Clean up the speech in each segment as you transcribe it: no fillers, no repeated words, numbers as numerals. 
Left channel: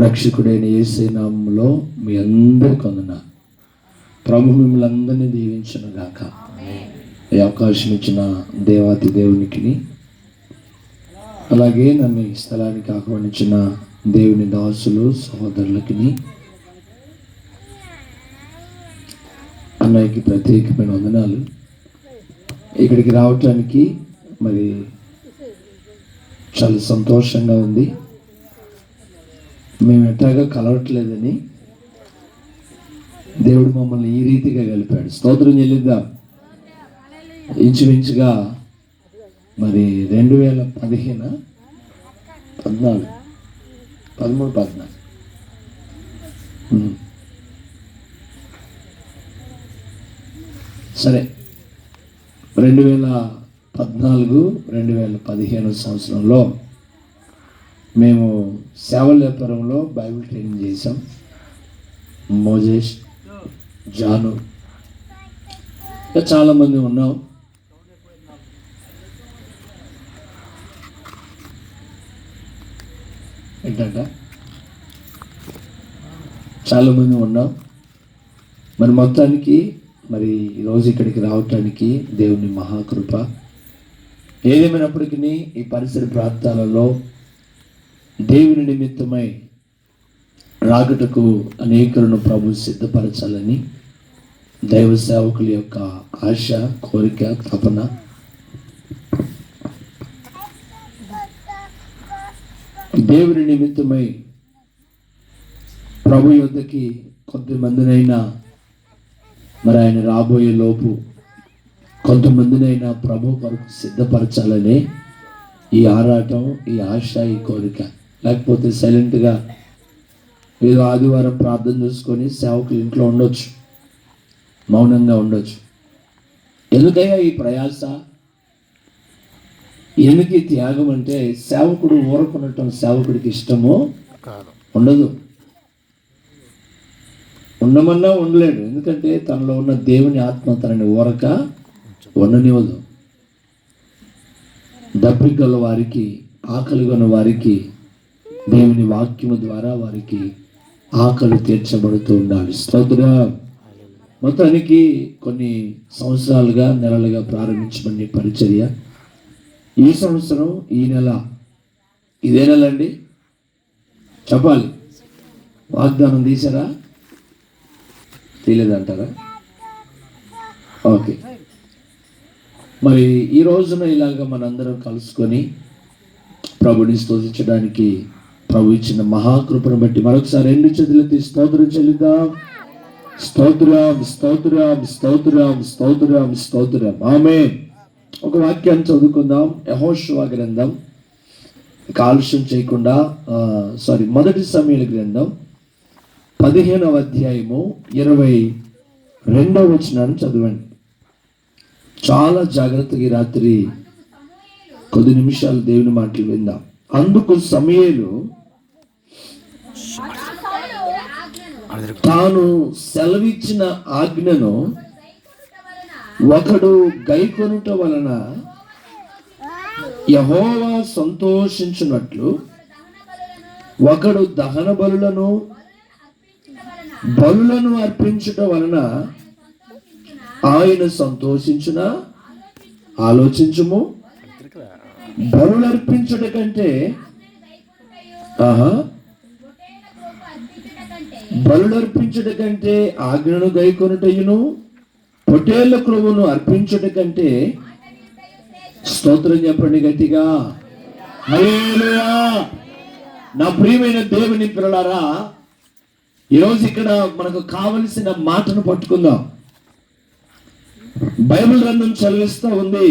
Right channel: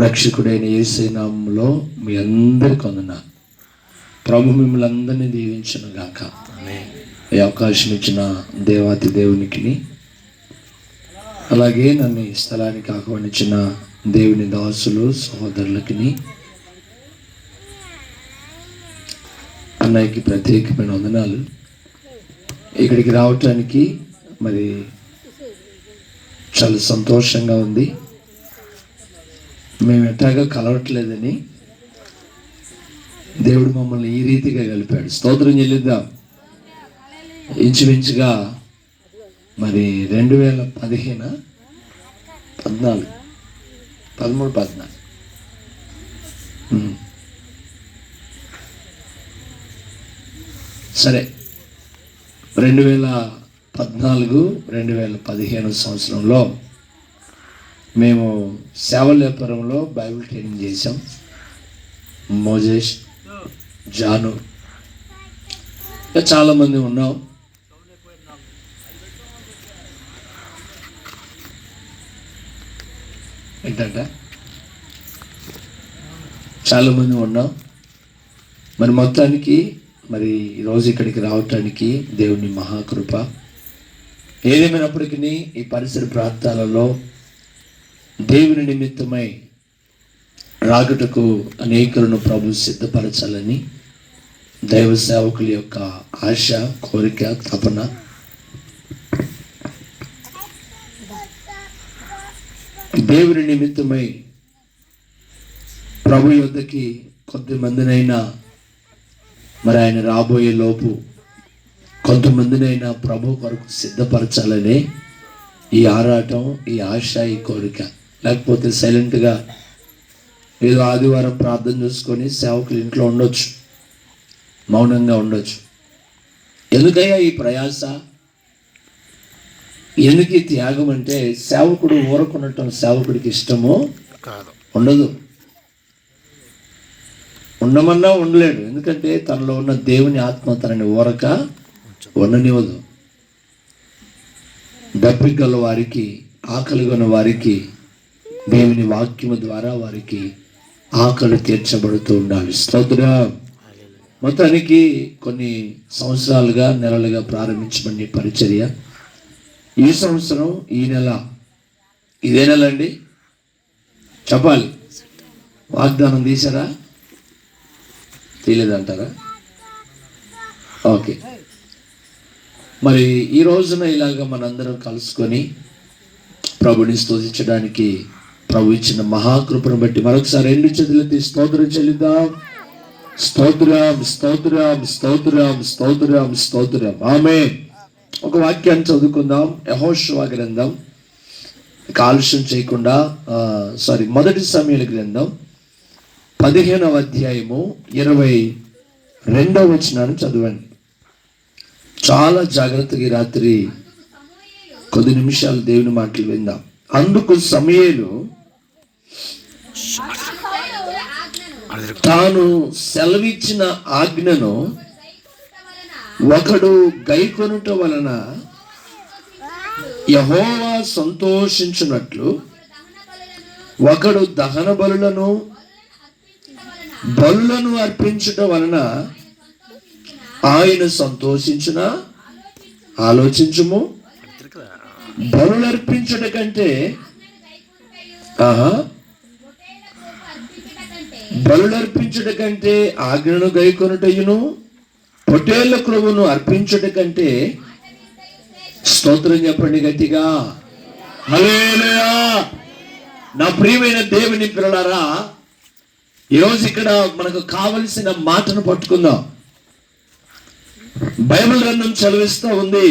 రక్షకుడైన యేసు నామములో మీ అందరికీ వందనాలు. ప్రభు మిమ్మల్ని అందరినీ దీవించును గాక. ఈ అవకాశం ఇచ్చిన దేవాతి దేవునికి, అలాగే నన్ను ఈ స్థలానికి ఆహ్వానించిన దేవుని దాసులు సహోదరులకి, అన్నయ్యకి ప్రత్యేకమైన వందనాలు. ఇక్కడికి రావటానికి మరి చాలా సంతోషంగా ఉంది. మేము ఎట్లాగా కలవట్లేదని దేవుడు మమ్మల్ని ఈ రీతిగా కలిపాడు. స్తోత్రం చెల్లిద్దాం. ఇంచుమించుగా మరి 2015 14 13 14 సరే 2014-2015 సంవత్సరంలో మేము సేవలేపురంలో బైబిల్ ట్రైనింగ్ చేసాం. మోజేష్, జాను, చాలామంది ఉన్నాం. ఏంటంటే చాలామంది ఉన్నాం. మరి మొత్తానికి మరి ఈరోజు ఇక్కడికి రావటానికి దేవుని మహాకృప. ఏదేమైనప్పటికీ ఈ పరిసర ప్రాంతాలలో దేవుని నిమిత్తమై రాకటకు అనేకులను ప్రభు సిద్ధపరచాలని దైవ సేవకుల యొక్క ఆశ, కోరిక, తపన. దేవుని నిమిత్తమై ప్రభు యొద్దకి కొంతమందినైనా మరి ఆయన రాబోయే లోపు కొంతమందినైనా ప్రభు కొరకు సిద్ధపరచాలనే ఈ ఆరాటం, ఈ ఆశ, ఈ కోరిక. లేకపోతే సైలెంట్గా ఏదో ఆదివారం ప్రార్థన చేసుకొని సేవకులు ఇంట్లో ఉండొచ్చు, మౌనంగా ఉండొచ్చు. ఎందుకయ్యా ఈ ప్రయాస, ఎందుకు ఈ త్యాగం అంటే సేవకుడు ఊరకున్నట్టు సేవకుడికి ఇష్టమో ఉండదు. ఉండమన్నా ఉండలేడు. ఎందుకంటే తనలో ఉన్న దేవుని ఆత్మ తనని ఊరక ఉండనివ్వదు. దప్పిక గల వారికి, ఆకలి గల వారికి దేవుని వాక్యము ద్వారా వారికి ఆకలి తీర్చబడుతూ ఉండాలి. స్తోత్రం. మొత్తానికి కొన్ని సంవత్సరాలుగా, నెలలుగా ప్రారంభించబడిన పరిచర్య ఈ సంవత్సరం ఈ నెల, ఇదే నెల అండి చెప్పాలి. వాగ్దానం తీసారా, తీయలేదంటారా? ఓకే. మరి ఈ రోజున ఇలాగ మనందరం కలుసుకొని ప్రభుని స్తుతించడానికి ప్రభు ఇచ్చిన మహాకృపను బట్టి మరొకసారి 2 చేతులెత్తి స్తోత్రం చెల్లిద్దాం. స్తోత్రం, స్తోత్రం, స్తోత్రం, స్తోత్రం, స్తోత్రం. ఆమేన్. ఒక వాక్యాన్ని చదువుకుందాం. యెహోషువ గ్రంథం, ఆలస్యం చేయకుండా మొదటి సమూయేలు గ్రంథం 15వ అధ్యాయము 22వ వచనాన్ని చదవండి. చాలా జాగ్రత్తగా రాత్రి కొద్ది నిమిషాలు దేవుని మాటలు విందాం. అందుకు సమూయేలు తాను సెలవిచ్చిన ఆజ్ఞను ఒకడు గైకొనుట వలన యెహోవా సంతోషించున్నట్లు ఒకడు దహన బలులను అర్పించుట వలన ఆయన సంతోషించున. ఆలోచించుము. బలులు అర్పించుట కంటే ఆజ్ఞను గైకొనుటయును పొట్టేళ్ల క్రొవ్వును అర్పించుట కంటే, స్తోత్రం చెప్పండి గట్టిగా, హల్లెలూయా. నా ప్రియమైన దేవుని పిల్లలారా, ఈరోజు ఇక్కడ మనకు కావలసిన మాటను పట్టుకుందాం. బైబిల్ గ్రంథం చదివిస్తూ ఉంది,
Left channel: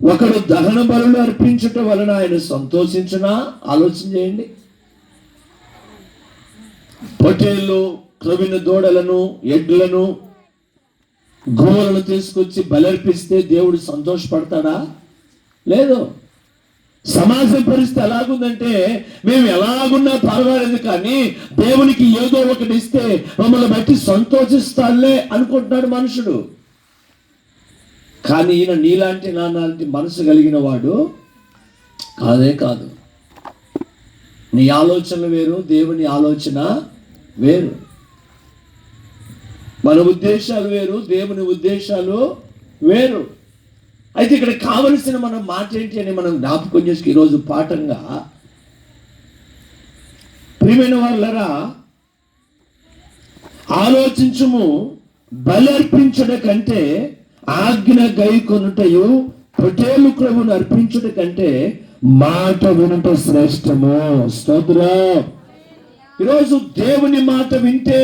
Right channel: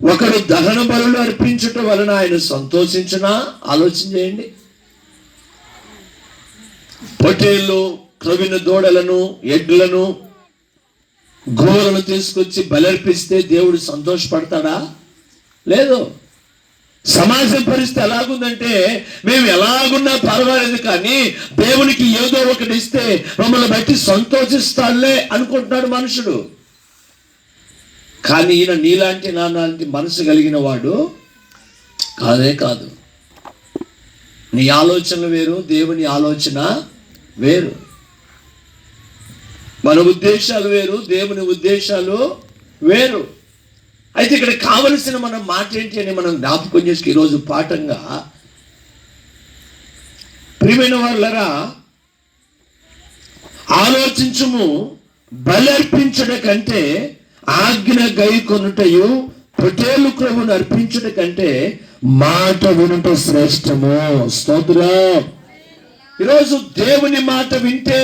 ఒకడు దహన బలులు అర్పించుట వలన ఆయన సంతోషించునా. ఆలోచన చేయండి. పొట్టేళ్ళు, క్రొవ్విన దూడలను, ఎడ్లను, గోవులను తీసుకొచ్చి బలర్పిస్తే దేవుడు సంతోషపడతాడా? లేదు. సమాజం పరిస్థితి ఎలాగుందంటే, మేము ఎలాగున్నా పర్వాలేదు కానీ దేవునికి ఏదో ఒకటి ఇస్తే మమ్మల్ని బట్టి సంతోషిస్తాడులే అనుకుంటున్నాడు మనుషుడు. కానీ ఈయన నీలాంటి నాలాంటి మనసు కలిగిన వాడు కాదే కాదు. నీ ఆలోచనలు వేరు, దేవుని ఆలోచన వేరు. మన ఉద్దేశాలు వేరు, దేవుని ఉద్దేశాలు వేరు. అయితే ఇక్కడ కావలసిన మన మాట ఏంటి అని మనం జ్ఞాపకం చేసుకు ఈరోజు పాఠంగా, ప్రియమైన వాళ్ళరా, ఆలోచించుము, బలర్పించడ కంటే ఆజ్ఞ గైకొనుటయు పొటేలు క్రమును అర్పించుట కంటే మాట వినుట శ్రేష్టము. స్తోత్రం. ఈరోజు దేవుని మాట వింటే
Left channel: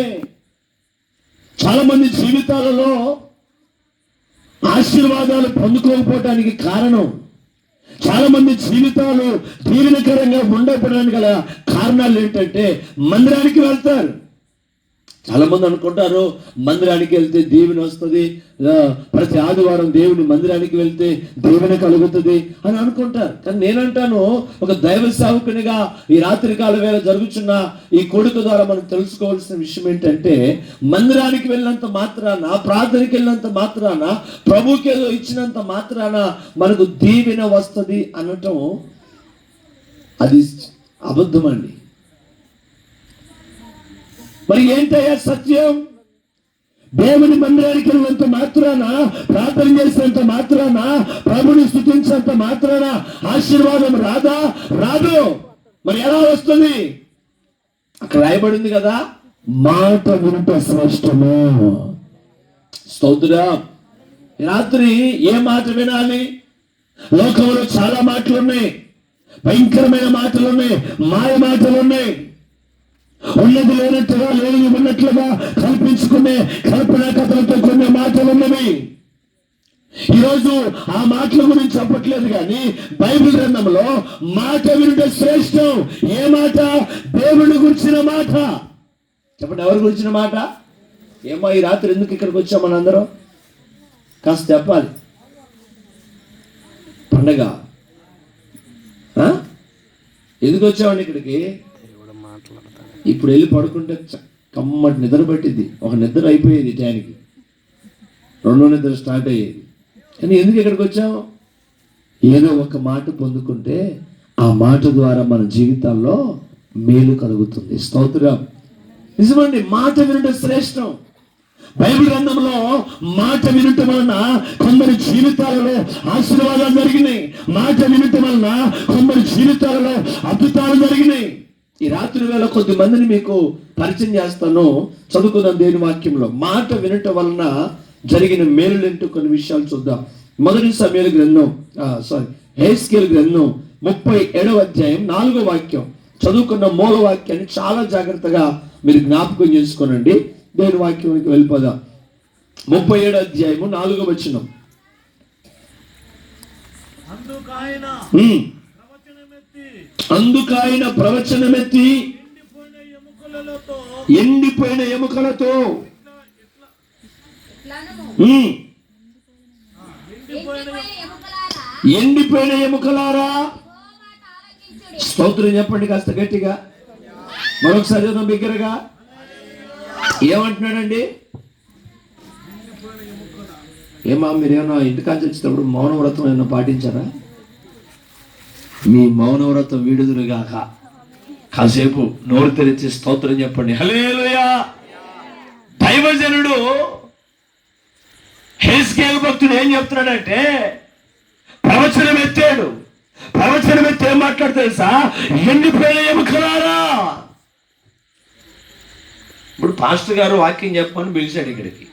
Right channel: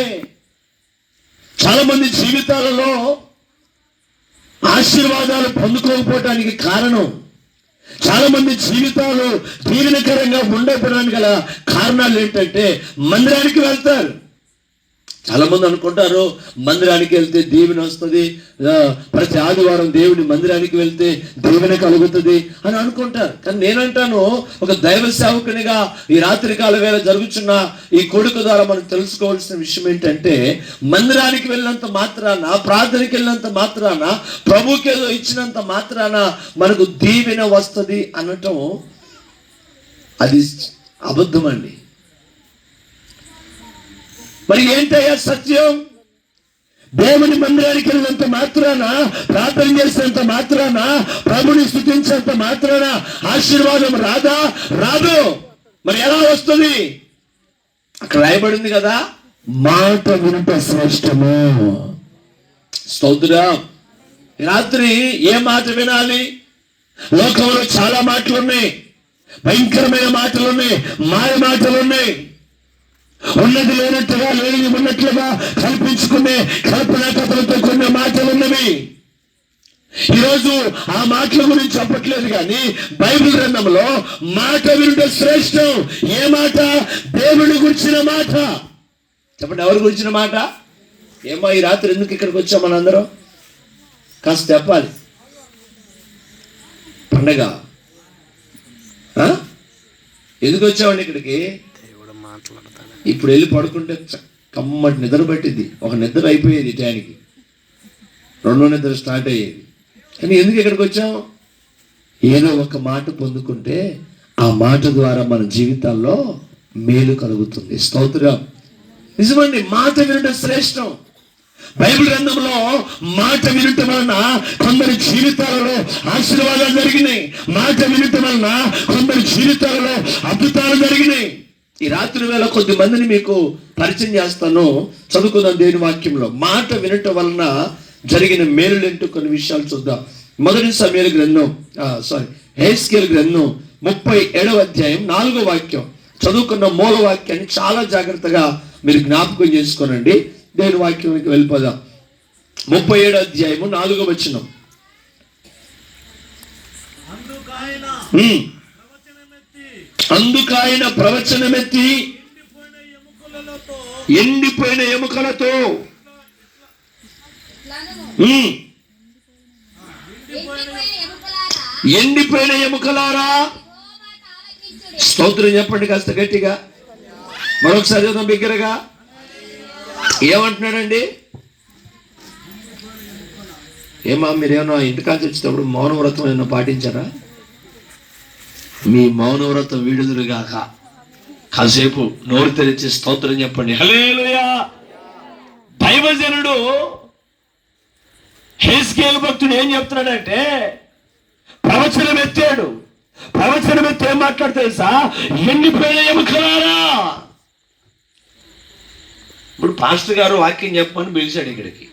చాలా మంది జీవితాలలో ఆశీర్వాదాలు పొందుకోకపోవడానికి కారణం, చాలా మంది జీవితాలు దీవెనకరంగా ఉండకపోవడానికి గల కారణాలు ఏంటంటే మందిరానికి వెళ్తారు. చాలా మంది అనుకుంటారు మందిరానికి వెళ్తే దీవెన వస్తుంది, ప్రతి ఆదివారం దేవుని మందిరానికి వెళ్తే దీవెన కలుగుతుంది అని అనుకుంటారు. కానీ నేనంటాను, ఒక దైవ సేవకునిగా ఈ రాత్రికాల వేళ జరుగుతున్న ఈ కొడుకు ద్వారా మనం తెలుసుకోవాల్సిన విషయం ఏంటంటే, మందిరానికి వెళ్ళినంత మాత్రాన, ప్రార్థనకి వెళ్ళినంత మాత్రాన, ప్రభుకి ఏదో ఇచ్చినంత మాత్రాన మనకు దీవెన వస్తుంది అనటం అది అబద్ధం అండి. మరి ఏంటయ్యా సత్యం? దేవుని మందిరానికి వెళ్ళినంత మాత్రాన, ప్రార్థన చేసినంత మాత్రాన, ప్రభుని స్తుతించినంత మాత్రాన ఆశీర్వాదం రాదా? రాదు. మరి ఎలా వస్తుంది? అక్కడ రాయబడింది కదా, మాట వినుట శ్రేష్టము. స్తోత్రం. రాత్రి ఏ మాట వినాలి? లోకంలో చాలా మాటలు ఉన్నాయి, భయంకరమైన మాటలు ఉన్నాయి, మాయ మాటలు ఉన్నాయి. ఉన్నది లేనట్టుగా, లేని ఉన్నట్లుగా కల్పించుకునే కల్పనా కథలతో కొన్ని మాటలు ఉన్నవి. ఈరోజు ఆ మాటల గురించి చెప్పట్లేదు, కానీ బైబిల్ గ్రంథంలో మాట వినుట శ్రేష్టం. ఏ మాట? దేవుని గురించిన మాట. చెప్పండి, ఎవరి గురించిన మాట? ఏమో ఈ రాత్రి ఎందుకు ఇక్కడికి వచ్చాం మనందరం? కాస్త చెప్పాలి. పండగ ఎందుకు వచ్చామండి ఇక్కడికి? ఇప్పుడు వెళ్ళి పడుకుంటే కమ్మటి నిద్ర పట్టింది. ఒక నిద్ర అయిపోయేది టైంకి, రెండో నిద్ర స్టార్ట్ అయ్యేది. కానీ ఎందుకు ఇక్కడికి వచ్చాం? ఏదో ఒక మాట పొందుకుంటే ఆ మాట ద్వారా మన జీవితాల్లో మేలు కలుగుతుంది. స్తోత్రం. నిజమండి, మాట వినడం శ్రేష్టం. బైబిల్ గ్రంథంలో మాట వినటం వలన కొందరి జీవితాలలో ఆశీర్వాదాలు జరిగినాయి. మాట వినటం వలన కొందరి జీవితాలలో అద్భుతాలు జరిగినాయి. ఈ రాత్రి వేళ కొద్ది మందిని మీకు పరిచయం చేస్తాను. చదువుకుందాం దేవుని వాక్యంలో. మాట వినటం వలన జరిగిన మేలులేంటో కొన్ని విషయాలు చూద్దాం. మొదటి సమూయేలు గ్రంథం, యెహెజ్కేలు గ్రంథం 37వ అధ్యాయం 4వ వాక్యం. చదువుకున్న మూల వాక్యాన్ని చాలా జాగ్రత్తగా మీరు జ్ఞాపకం చేసుకోనండి. దేవుని వాక్యానికి వెళ్ళిపోదాం. 37వ అధ్యాయము 4వ వచనం. అందుకాయన ప్రవచనమెత్తి ఎండిపోయిన ఎముకలతో ఎండిపోయిన ఎముకలారా. స్తోత్రం చెప్పండి కాస్త గట్టిగా. మరొకసారి చదువు బిగ్గరగా. ఏమంటున్నాడండి? ఏమా మీరేమన్నా ఇంటికాంచి వచ్చేటప్పుడు మౌన వ్రతం ఏమన్నా పాటించారా? మీ మౌనవ్రతం వీడుదురుగాక. కాసేపు నోరు తెరిచి స్తోత్రం చెప్పండి. హల్లెలూయా. దైవజనుడు యెహెజ్కేలు భక్తుడు ఏం చెప్తున్నాడంటే, ప్రవచనం ఎత్తాడు. ప్రవచనం ఎత్తి ఏం మాట్లాడు తెలుసా? ఎండిపోయిన ఎముకలారా. ఇప్పుడు పాస్టర్ గారు వాక్యం చెప్పమని పిలిచాడు ఇక్కడికి.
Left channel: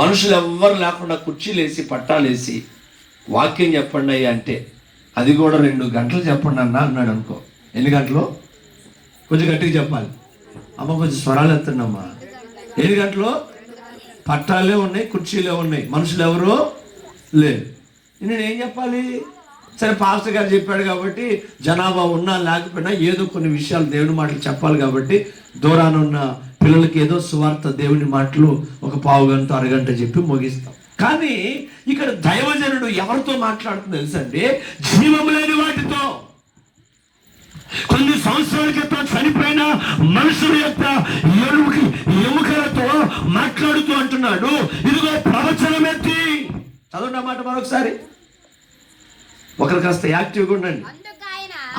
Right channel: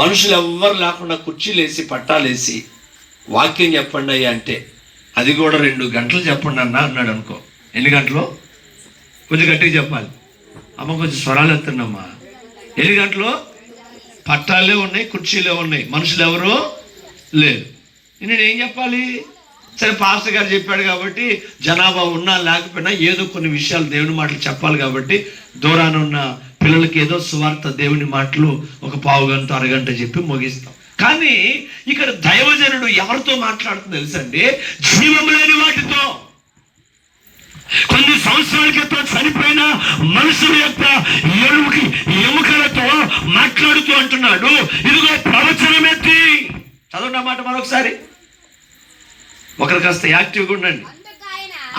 మనుషులు ఎవ్వరు లేకుండా కుర్చీలేసి పట్టాలేసి వాక్యం చెప్పండి అయ్యా అంటే, అది కూడా 2 గంటలు చెప్పండి అన్నాడు అనుకో. ఎన్ని గంటలు? కొంచెం గట్టిగా చెప్పాలి అమ్మ, కొంచెం స్వరాలు ఎత్తండమ్మా. ఎన్ని గంటలు? పట్టాలే ఉన్నాయి, కుర్చీలే ఉన్నాయి, మనుషులు ఎవరు లేదు. నేనేం చెప్పాలి? సరే, పాస్టర్ గారు చెప్పాడు కాబట్టి జనాభా ఉన్నా లేకపోయినా ఏదో కొన్ని విషయాలు దేవుని మాటలు చెప్పాలి కాబట్టి దూరాన ఉన్న పిల్లలకి ఏదో సువార్త దేవుని మాటలు ఒక పావు గంట అరగంట చెప్పి ముగిస్తాం. కానీ ఇక్కడ దైవజనుడు ఎవరితో మాట్లాడుతుంది తెలుసండి? జీవం లేని వాటితో, కొన్ని సంవత్సరాల క్రితం చనిపోయిన మనుషుల యొక్క ఎముకలతో మాట్లాడుతూ అంటున్నాడు, ఇదిగో ప్రవచనమెత్తి. చదవండి మాట మరొకసారి. ఒకరు కాస్త యాక్టివ్గా ఉండండి.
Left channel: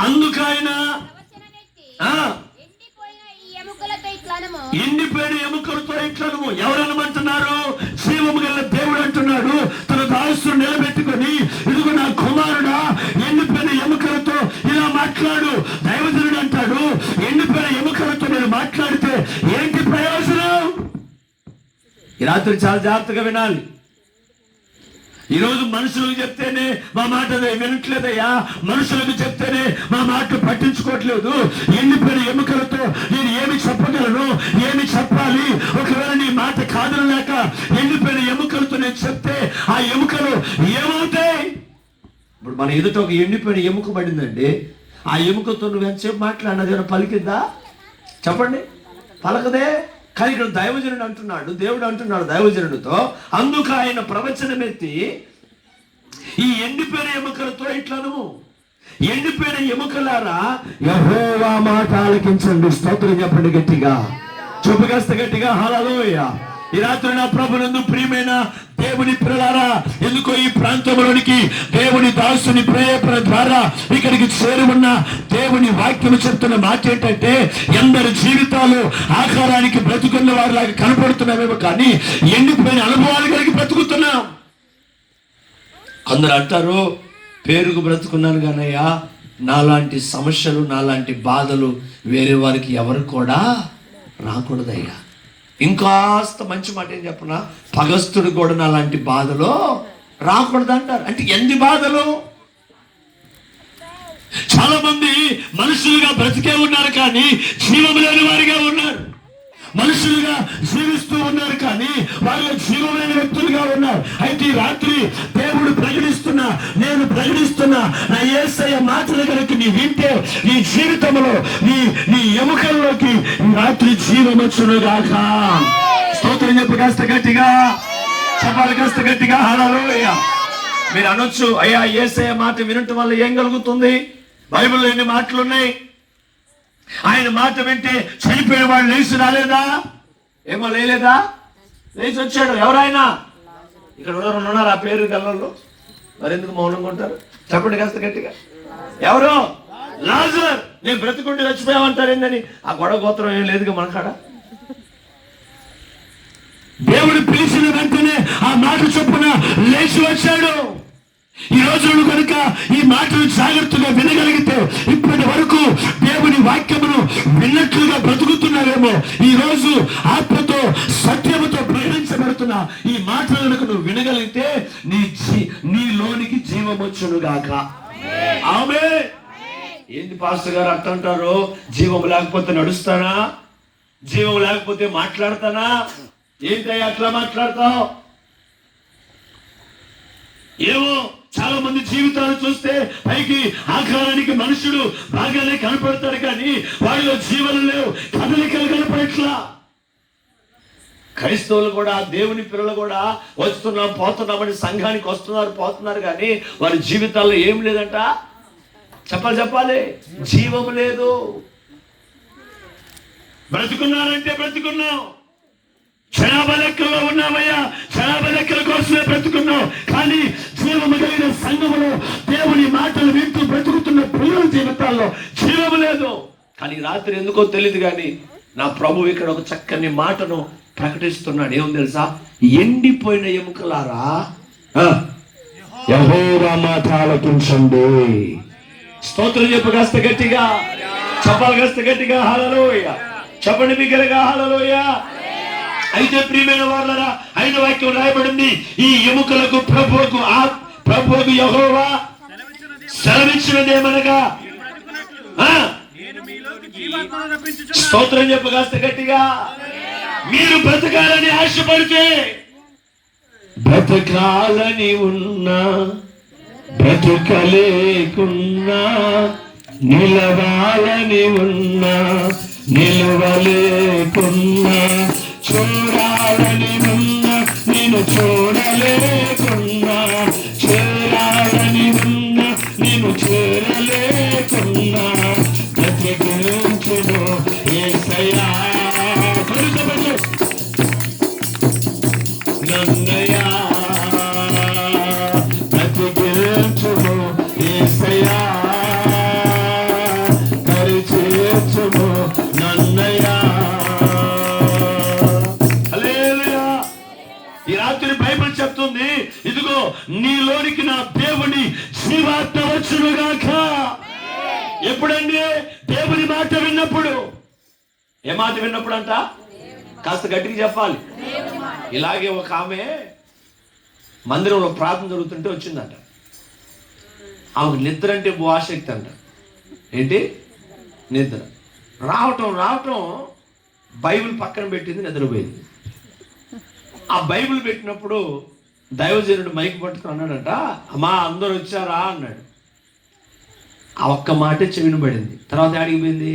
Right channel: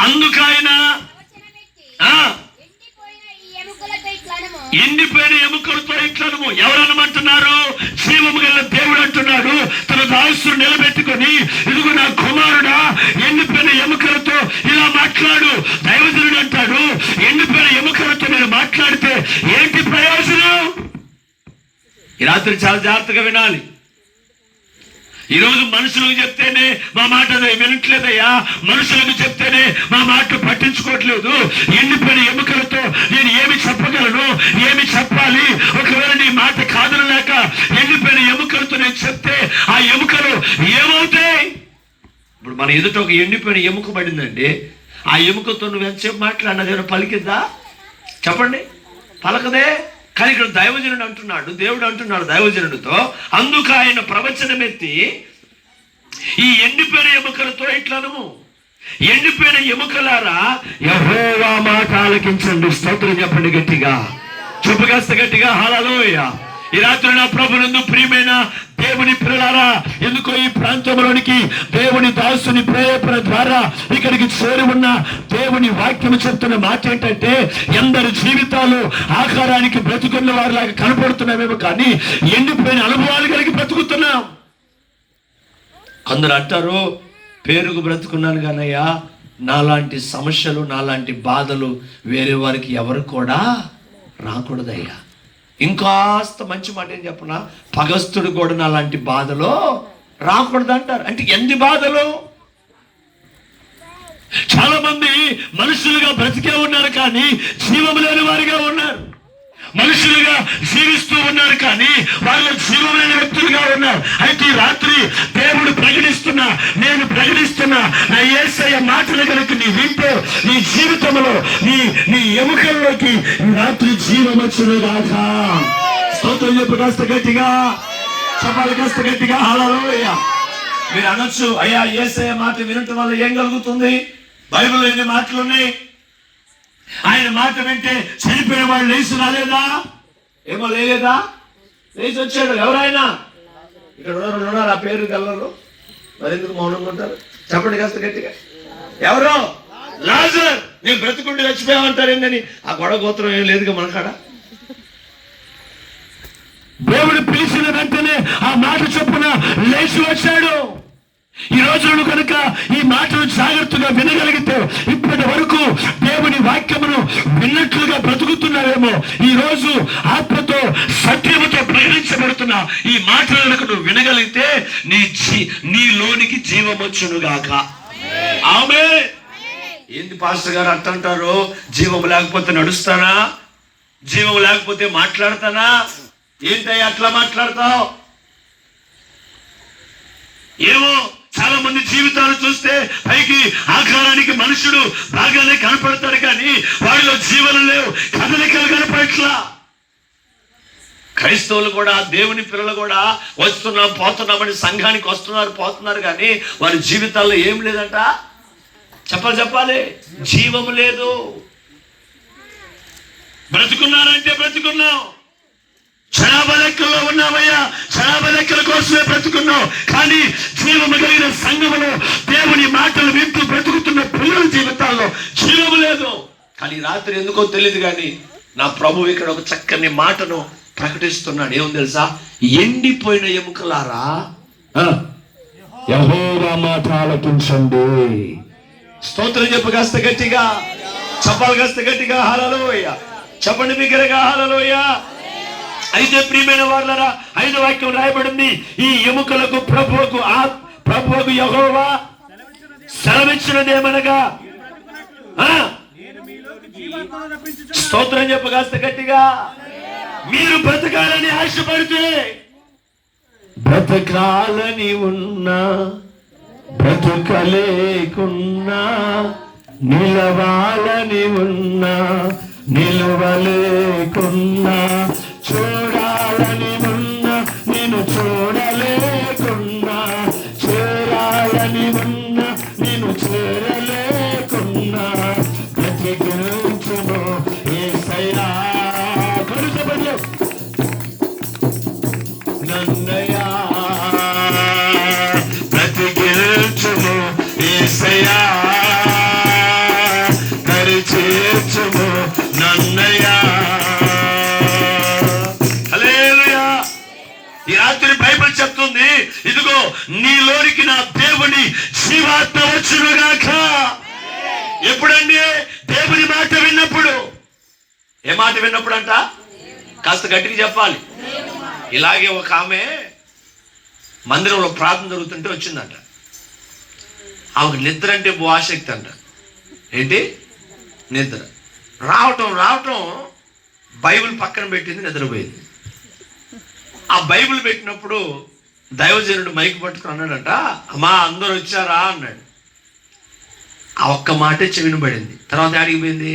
అందుకైన ఎండిపోయిన ఎముకలతో ఇట్లనము. ఎవరనమంటున్నారు? జీవము గల దేవుడు అంటున్నాడు. తన దాసును నిలబెట్టుకొని, ఇదిగో నా కుమారుడా, ఎండిపోయిన ఎముకలతో ఇలా మాట్లాడు. దైవజనుడు అంటాడు, ఎండిపోయిన ఎముకలతో నేను మాట్లాడితే ఏంటి ప్రయోజనం? ఈ రాత్రి చాలా జాగ్రత్తగా వినాలి. ఈరోజు మనుషులకు చెప్తేనే మా మాట వినట్లేదయ్యా, మనుషులకు చెప్తేనే మా మాట పట్టించుకోవట్లేదు. ఎండిపోయిన ఎముకలతో నేను ఏమి చెప్పగలను, ఏమి చెప్పాలి? ఒకవేళ నీ మాట కాదనలేక ఎండిపోయిన ఎముకలతో నేను చెప్తే ఆ ఎముకలు ఏమవుతాయి? ఇప్పుడు మన ఎదుట ఒక ఎండిపోయిన ఎముక పడిందండి. ఆ ఎముకతో నువ్వు ఎంతసేపు మాట్లాడినదేమో పలికిద్దా? చెప్పండి, పలకదే. కానీ ఇక్కడ దైవజనుడు అంటున్నాడు, దేవుడు అంటున్నాడు దైవజనుడితో, అందుకు ఆయన ప్రవచనం ఎత్తి ఈ ఎండిపోయిన ఎముకలతో ఇట్లను, ఎండిపోయిన ఎముకలారా యెహోవా మాట ఆలకించండి. స్తోత్రం చెప్పండి గట్టిగా, చెప్పు కాస్త గట్టిగా హల్లెలూయా. ఈ రాత్రి నా ప్రభునందు ప్రియమైన దేవుని పిల్లలారా, ఎందుకో ఈ ప్రాంతంలోనికి దేవుని దాసుని ప్రేరేపణ ద్వారా ఇక్కడికి చేరి ఉన్న దేవుని వాక్యం చెప్తున్న మాట ఏంటంటే, ఎందరి జీవితాలు ఆహారానికి బ్రతుకున్న వారిలాగా కనపడుతున్నామేమో కానీ ఎండిపోయిన అనుభవాలు కలిగి బ్రతుకుతున్నాం. అందరూ అంటారు, పేరుకు బ్రతుకున్నాను కానయ్యా, నాలాంటి సమస్యలు, నాలాంటి బాధలు వేరే వారికి ఎవరు కూడా రాకూడదయ్యా. ఇంకాస్త మంచి మాట ఏం చెప్పనా, పగస్తుడు కూడా నాలాంటి బాధలో రాకూడదు అంటారు. అంటే ఎన్ని బాధలు? చాలా మంది మనుషులుగా బ్రతికే ఉన్నారు కానీ జీవము లేని వారిగా ఉన్నారు. మనుషులుగా జీవిస్తూ ఉన్నారు కానీ వాళ్ళు జీవం లేని వ్యక్తులుగా ఉన్నారు. అయితే ఈ రాత్రి దేవుడు ప్రకటిస్తున్నా, నేను ప్రకటిస్తున్నా, నా యేసయ్య మాటలు కనుక నీ వింటే నీ జీవితంలో నీ ఎముకల్లోకి ఈ రాత్రి జీవం వచ్చునుగాక. స్తోత్రం చెప్పు కాస్త గట్టిగా, చెప్పాలి కాస్త గట్టిగా హల్లెలూయా. మీరు అనొచ్చు, అయ్యా యేసయ్య మాట వినటం వల్ల ఏం కలుగుతుంది? బైబిల్లో ఎన్ని మాటలు ఉన్నాయి? ఆయన మాట వింటే చనిపోయిన వాళ్ళు లేచి రాలేదా? ఏమో లేలేదా? లేచి వచ్చాడు. ఎవరైనా ఇక్కడ ఉన్నారు ఆ పేరు గల్లలో, మరి ఎందుకు మౌనంగా ఉంటారు? చెప్పండి కాస్త గట్టిగా. ఎవరో లాజర్, నేను బ్రతుకుండి చచ్చిపోయామంటారు ఏంటని ఆ గొడవ గోత్రం ఏం లేదుగా మనకాడ. దేవుడు పిలిచిన వెంటనే ఆ మాట చొప్పున లేచి వచ్చాడు. ఈ రోజు కనుక ఈ మాటను జాగ్రత్తగా వినగలిగితే ఇప్పటి వరకు దేవుని వాక్యమును విన్నట్లుగా బ్రతుకుతున్నావేమో. ఈ రోజు ఆత్మతో సత్యముతో ప్రకటించబడుతున్న ఈ మాటలను నువ్వు వినగలిగితే నీలోనికి జీవం వచ్చునుగాక. ఆమేన్. ఏంది పాస్టర్ గారు అంటారు, జీవం లేకపోతే నడుస్తానా, జీవం లేకపోతే మాట్లాడతానా? ఏంటయ్యా అట్లా మాట్లాడతావు? ఏమో చాలా మంది జీవితాలు చూస్తే పైకి ఆకారానికి మనుషుడు బాగానే కనపడతాడు కానీ వాళ్ళలో జీవనం లేవు, కదలికలు కనపడట్లా. క్రైస్తవులు కూడా, దేవుని పిల్లలు కూడా వస్తున్నాం పోతున్నామని సంఘానికి వస్తున్నారు పోతున్నారు కానీ వారి జీవితాల్లో ఏం లేదంట. చెప్పాలి, జీవము లేదు. బ్రతుకున్నారంటే బ్రతుకున్నాం, జనాభా లెక్కల్లో ఉన్నామయ్యా, జనాభా లెక్కల కోసమే బ్రతుకున్నాం. కానీ జీవము కలిగిన సంఘములో దేవుని మాటలు వింటూ బ్రతుకుతున్న పిల్లల జీవితాల్లో జీవము లేదు. కానీ రాత్రి ఎందుకో తెలియదు కానీ నా ప్రభు ఇక్కడ ఒక చక్కని మాటను ప్రకటిస్తున్నాడు. ఏమో తెలుసా? ఎండిపోయిన ఎముకలారా యెహోవా మాట ఆలకించండి. స్తోత్రం చెప్పు కాస్త గట్టిగా, చెప్పాలి కాస్త గట్టిగా హల్లెలూయా. చెప్పండి బిగ్గరగా హల్లెలూయా. అయితే ప్రియమైన వారలారా, 5వ వాక్యం రాయబడింది, ఈ ఎముకలకు ప్రభువుకు యెహోవా సెలవిచ్చినదేమనగా, స్తోత్రం చెప్పు కాస్త గట్టిగా, మీరు బ్రతకాలని ఆశపడితే, బ్రతకాలని ఉన్నా బ్రతకలేకున్నా, నిలవాలని ఉన్నా నిలవలేకున్నా, చూడాలని ఉన్నా నేను చూడలేకున్నా, చేరాలని ఉన్నా నేను చేరలేకున్నా, బ్రతికించును యేసయ్యా. నన్నయ్యా బ్రతికించును యేసయ్యా. నీలోనికి నా దేవుని జీవాత్మ వచ్చునుగాక. ఎప్పుడండి? దేవుని మాట విన్నప్పుడు. ఏ మాట విన్నప్పుడు అంట? కాస్త గట్టిగా చెప్పాలి. ఇలాగే ఒక ఆమె మందిరంలో ప్రార్థన జరుగుతుంటే వచ్చిందంట. ఆమెకు నిద్ర అంటే ఆసక్తి అంట. ఏంటి? నిద్ర రావటం బైబిల్ పక్కన పెట్టింది, నిద్రపోయింది. ఆ బైబిల్ పెట్టినప్పుడు దైవజనుడు మైక్ పట్టుకుని అన్నాడంట, అమ్మా అందరూ వచ్చారా అన్నాడు. ఆ ఒక్క మాటే చెవిన పడింది. తర్వాత అడిగిపోయింది,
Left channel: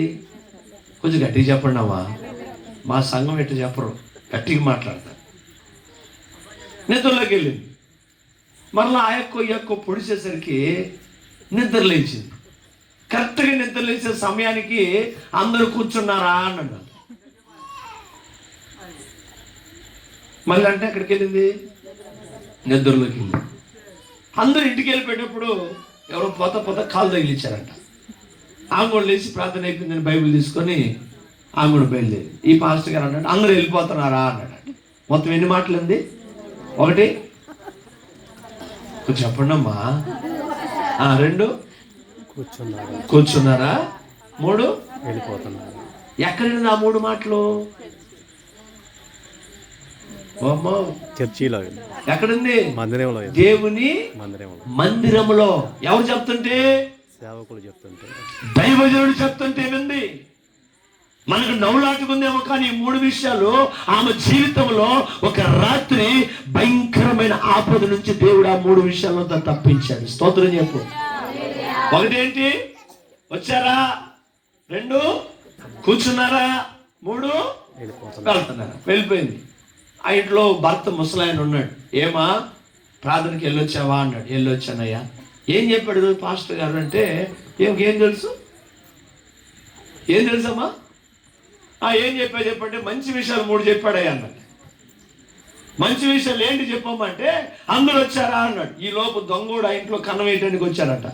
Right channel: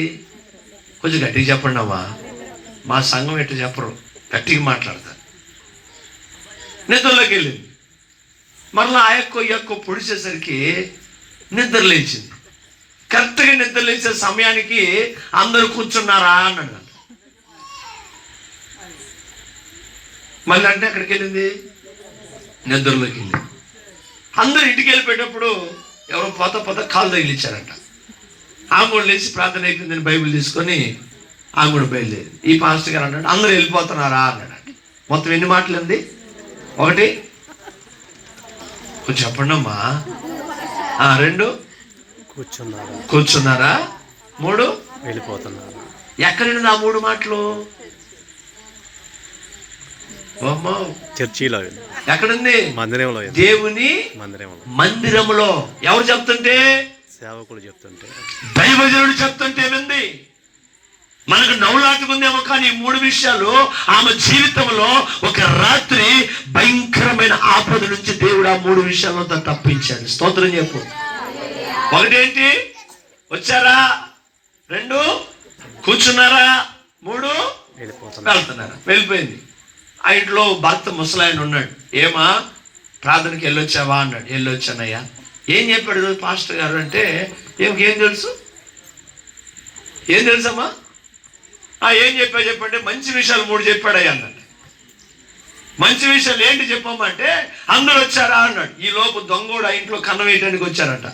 కొంచెం గట్టిగా చెప్పండి అమ్మా, మా సంఘం ఎట్లా చెప్పరు, గట్టిగా మాట్లాడతారు. నిద్రలోకి వెళ్ళింది. మరలా ఆ యొక్క పొడిచేసరికి నిద్ర లేచింది. కరెక్ట్గా నిద్ర లేచే సమయానికి అందరూ కూర్చున్నారా అన్నాడు. మళ్ళీ అంటే అక్కడికి వెళ్ళింది, నిద్రలోకి వెళ్ళింది. అందరూ ఇంటికి వెళ్ళిపోయేటప్పుడు ఎవరో పోత కాలు తగిలిచ్చారంట. ఆమె కూడా లేచి ప్రార్థన అయిపోయిందని బైబిల్ తీసుకొని ఆమె కూడా బయలుదేరి. ఈ పాస్టర్ గారు అన్నాడు, అందరూ వెళ్ళిపోతున్నారా అన్నాడు. మొత్తం ఎన్ని మాటలు ఉంది? 1 కొంచెం చెప్పండి అమ్మా. 2 కూర్చున్నారా. 3 వెళ్ళిపోతున్నారు. ఎక్కడండి ఆ 3 మాటలు? చర్చిలో ఎక్కడుంది? మందిరంలో. దేవుని మందిరంలో. ఎవరు చెప్తుంటే? సేవకుడు చెప్తుంటే, దైవజనుడు చెప్తుంటే వింది. మనకు నవ్వులాటుకుందేమో, కానీ 3 విషయాలు ఆమె జీవితంలో ఒక రాత్రి భయంకరమైన ఆపద నుంచి దేవుడు ఆ 3 విషయాలతో తప్పించాడు. స్తోత్రం చెప్పు. 1 ఏంటి? వచ్చారా. 2 కూర్చున్నారా. 3 వెళ్తున్నారా. వెళ్ళిపోయింది. ఆ ఇంట్లో భర్త ముసలాయన ఉన్నాడు. ఏమా ప్రార్థనకి వెళ్ళొచ్చావా అన్నాడు. వెళ్ళొచ్చానయ్యా. ఏం చెప్పాడు ఈరోజు పాస్టర్ గారు అంటే, ఏం తెలుసు? ఏం తెలుసమ్మా? ఏం చెప్పండి. మంచి విషయాలు 3 చెప్పాడయ్యా అన్నాడు. మంచి విషయాలు ఏంటి చెప్పమ్మా అంటే, అందరూ వచ్చారా అన్నాడు. ఈ లోపు దొంగోడు ఆ ఇంట్లో కన్నం వేయడానికి వచ్చారట.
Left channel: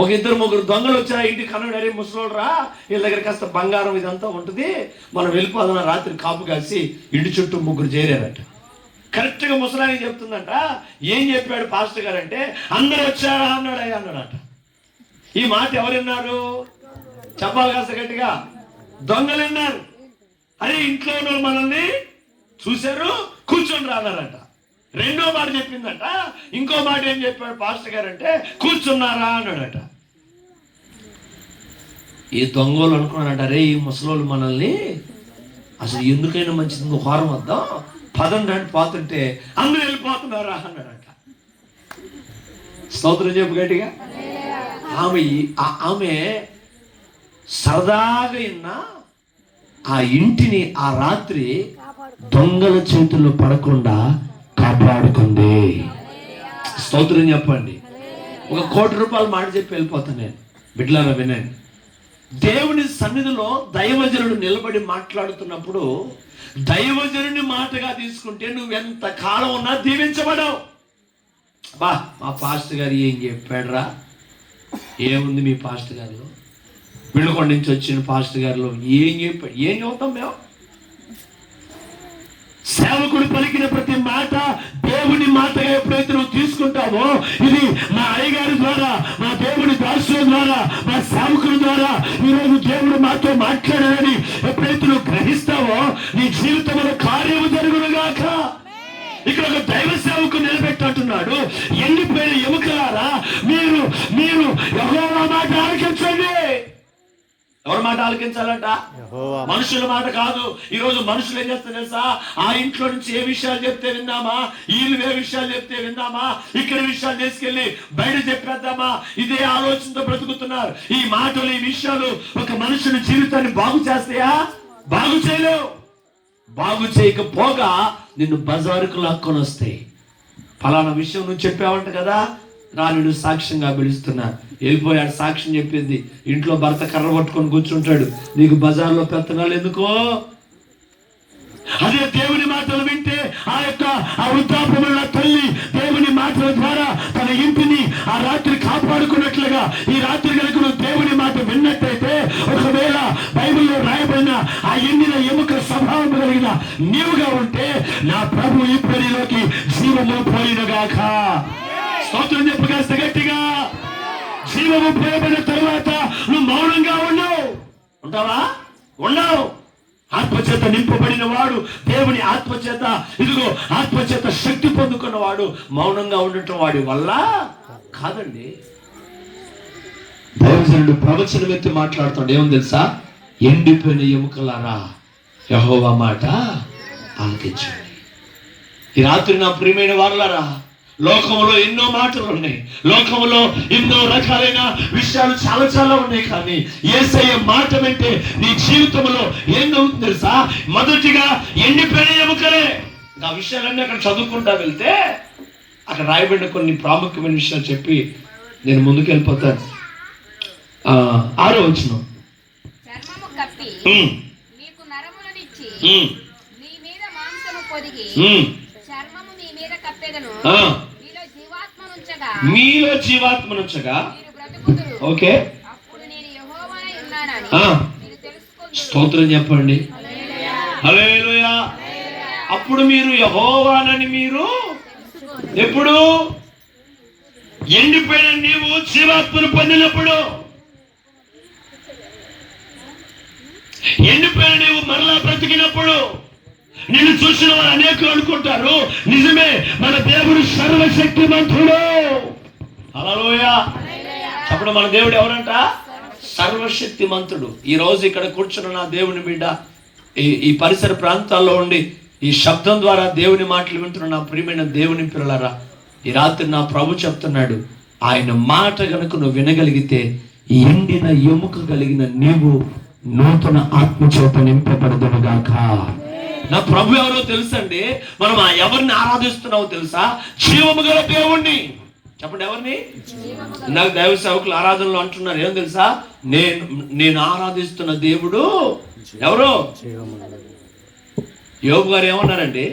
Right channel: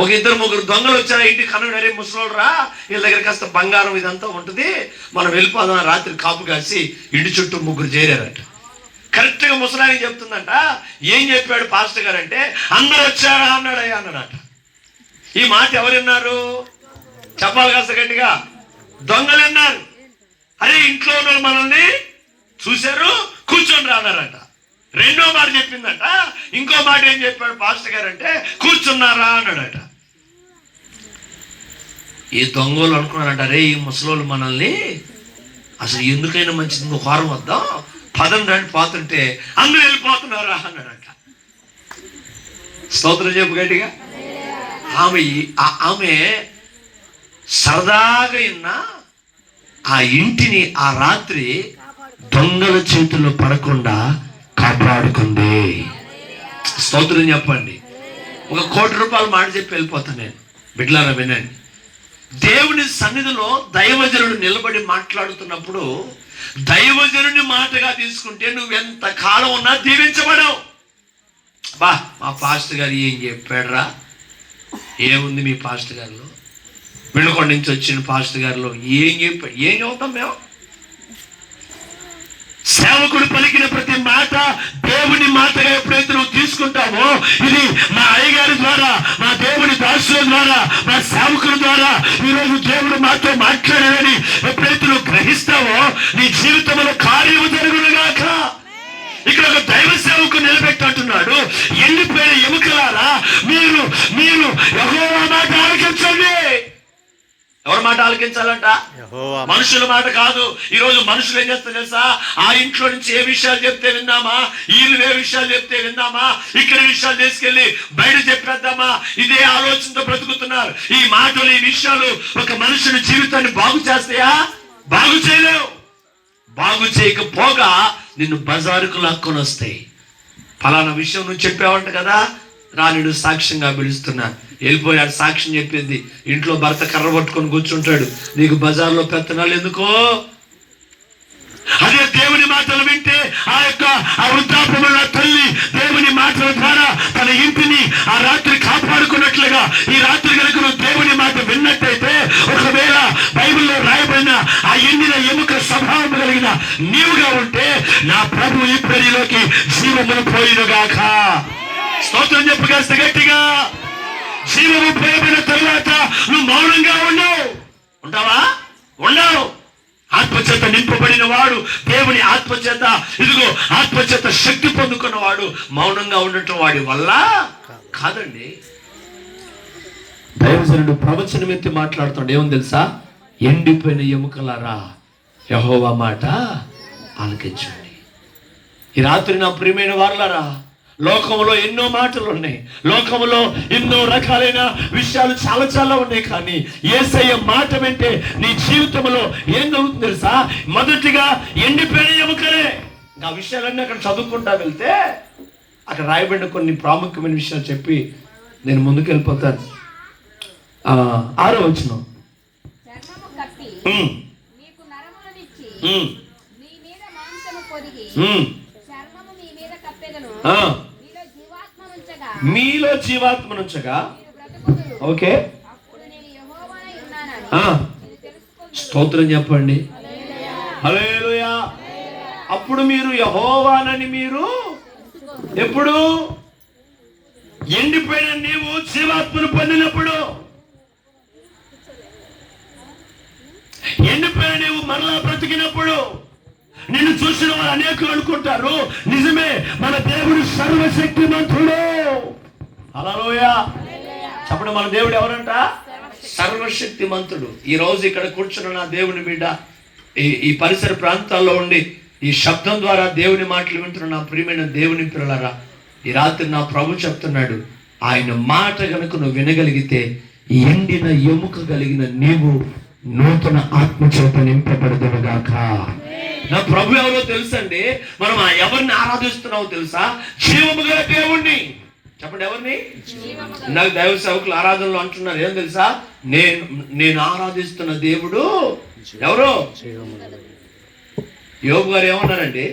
ఒక 2-3 దొంగలు వచ్చారా ఇంటికి. కన్నం అరే ముసలోడు రా, వీళ్ళ దగ్గర కాస్త బంగారం ఇదంతా ఉంటుంది, మనం వెళ్ళిపోదాం. రాత్రి కాపు కాసి ఇంటి చుట్టూ 3 చేరారట. కరెక్ట్గా ముసలాయన చెప్తుందంట, ఏం చెప్పాడు పాస్టర్ గారు అంటే, అందరూ వచ్చారా అన్నాడు. అయ్యా అన్నాడట. ఈ మాట ఎవరు విన్నారు? చెప్పాలి కాస్త గట్టిగా. దొంగలు విన్నారు. అరే ఇంట్లో ఉన్న మనల్ని చూశారు, కూర్చొని రాన్నారట. 2వ మాట చెప్పిందట. ఇంకో మాట ఏం చెప్పాడు పాస్టర్ గారు అంటే, కూర్చున్నారా అన్నాడట. ఈ దొంగలు అనుకున్నారంట, అరే ఈ ముసలోళ్ళు మనల్ని అసలు ఎందుకైనా మంచిది, ఇంకో వారం వద్దాం, పదండి అని పోతుంటే అందరూ వెళ్ళిపోతున్నారా అన్నాడట. స్తోత్రం చెప్పు గట్టిగా. ఆమె సరదాగా ఉన్న ఆ ఇంటిని ఆ రాత్రి దొంగల చేతుల్లో పడకుండా కాపాడుకుంది. స్తోత్రం చెప్పండి. 1 కోటి రూపాయలు మాట చెప్పి వెళ్ళిపోతాను నేను. బిడ్డలారా వినండి. దేవుని సన్నిధిలో దైవజనుడు నిలబడి మాట్లాడుతున్నప్పుడు దైవజనుని మాటగా తీసుకుంటే నువ్వు ఎంత కాలం ఉన్నా దీవించబడవు. బా మా పాస్టర్ గారు ఏం చెప్పాడురా, ఏముంది మీ పాస్టర్ గారిలో, వినుకొండ నుంచి వచ్చిన పాస్టర్ గారిలో ఏం చెప్పాడు? ఏం చెబుతాం మేము? సేవకుడు పలికిన ప్రతి మాట దేవుని మాటగా ఎప్పుడైతే నువ్వు తీసుకుంటావో, ఇది మా అయ్యగారి ద్వారా, మా దేవుని దాసుల ద్వారా, మా సేవకుల ద్వారా ఈరోజు దేవుడు మాతో మాట్లాడాలని ఎప్పుడైతే నువ్వు గ్రహిస్తావో నీ జీవితంలో కార్యము జరుగునుగాక. ఇక్కడ ఒక దైవ సేవకు నిలబెట్టినట్టున్నాడు. ఎండిపోయిన ఎముకలారా, మీరు యెహోవా మాట ఆలకించండి. ఎవరి మాట ఆలకించాలంట? మనుషుల మాట కాదు. ఈరోజు మనుషులు ఏం చేస్తారు తెలుసా? ఆ ఇంట్లో నుంచి ఏ విషయాలు చెప్తే విందామా, వీళ్ళు ఏ విషయాలు చెప్తే విందామా, ఇక్కడ విషయాలు తీసుకెళ్లి బయట చెప్పేద్దామా, ఇదే ఆలోచనతో బ్రతుకుతున్నారు. ఈ మాటలు, ఈ విషయాలు ఒక మనుషుని జీవితాన్ని బాగు చేస్తాయా? బాగు చేయలేవు. బాగు చేయకపోగా నిన్ను బజారుకు లాక్కొని వస్తాయి. ఫలానా విషయం నువ్వు చెప్పావంట కదా, రానిడు సాక్ష్యంగా పిలుస్తున్నా. వెళ్ళిపోయాడు, సాక్ష్యం చెప్పింది. ఇంట్లో భర్త కర్ర పట్టుకొని కూర్చుంటాడు. నీకు బజార్లో పెత్తనాలు ఎందుకో? అదే దేవుని మాటలు వింటే ఆ వృద్ధాప్యమున్న తల్లి దేవుని మాటల ద్వారా తన ఇంటిని ఆ రాత్రి కాపాడుకున్నట్లుగా ఈ రాత్రి కనుక నువ్వు దేవుని మాట విన్నట్టయితే, ఒకవేళ బైబిల్లో రాయబడిన ఆ ఎండిన ఎముక స్వభావం కలిగిన నీవుగా ఉంటే నా ప్రభు ఇప్పుడు నీలోకి జీవమును పోయినగాక. స్తోత్రం చెప్పగలిస్తే గట్టిగా. జీవము పోయబడిన తరువాత నువ్వు మౌనంగా ఉంటావా? ఉండవు. ఆత్మచేత నింపబడిన వాడు, దేవుని ఆత్మచేత, ఇదిగో ఆత్మచేత శక్తి పొందుకున్న వాడు మౌనంగా ఉండటం వాడి వల్ల కాదండి. దైవజనుడు ప్రవచనం ఎత్తి మాట్లాడుతాడు. ఏమని తెలుసా? ఎండిపోయిన ఎముకలారా యెహోవా మాట ఆలకించండి. ఈ రాత్రి నా ప్రియమైన వారలారా, లోకంలో ఎన్నో మాటలు ఉన్నాయి, లోకంలో ఎన్నో రకాలైన విషయాలు చాలా చాలా ఉన్నాయి. కానీ యేసయ్య మాట వింటే నీ జీవితంలో ఏం జరుగుతుంది తెలుసా? మొదటిగా ఎండిపోయిన ఎముకలే. ఆ విషయాలన్నీ అక్కడ చదువుకుంటా వెళ్తే అక్కడ రాయబడిన కొన్ని ప్రాముఖ్యమైన విషయాలు చెప్పి నేను ముందుకు వెళ్ళిపోతాను. 6వ వచనం. చర్మము కప్పి నీకు నరములనిచ్చి నీ మీద మాంసము పొదిగి చర్మము నీ మీద కప్పెదను. మీలో జీవాత్మనుంచగా మీరు బ్రతుకుదురు. ఓకే, అప్పుడు నేను యెహోవానై ఉన్నానని మీరు తెలుసుకొందురు. స్తోత్రం చెప్పండి. హల్లెలూయా. అప్పుడు మీరు యెహోవానని మీరు ఎప్పుడు? ఎండిపోయిన నీవు జీవాత్మను పొందినప్పుడు. ఎండిపోయిన నీవు మరలా బ్రతికినప్పుడు. నిన్ను చూసిన వారు అనేకులు అనుకుంటారు, నిజమే మన దేవుడు సర్వశక్తిమంతుడు. హల్లెలూయా. అప్పుడు మన దేవుడు ఎవరంట? సర్వశక్తిమంతుడు. ఈ రోజు ఇక్కడ కూర్చున్న నా దేవుని బిడ్డ, ఈ పరిసర ప్రాంతాల్లో ఉండి ఈ శబ్దం ద్వారా దేవుని మాటలు వింటున్న నా ప్రియమైన దేవుని పిల్లలారా, ఈ రాత్రి నా ప్రభు చెప్తున్నాడు, ఆయన మాట గనుక నువ్వు వినగలిగితే ఎండిన ఎముక కలిగిన నీవు నూతన ఆత్మచేత నింపబడదుగాక. నా ప్రభు ఎవరో తెలుసండి. మనం ఎవరిని ఆరాధిస్తున్నావో తెలుసా? జీవము గల దేవుణ్ణి. చెప్పండి, ఎవరిని? నాకు దైవ సేవకులు ఆరాధనలు అంటున్నారు. ఏం తెలుసా? నేను ఆరాధిస్తున్న దేవుడు ఎవరు? యోబు గారు ఏమన్నారండి?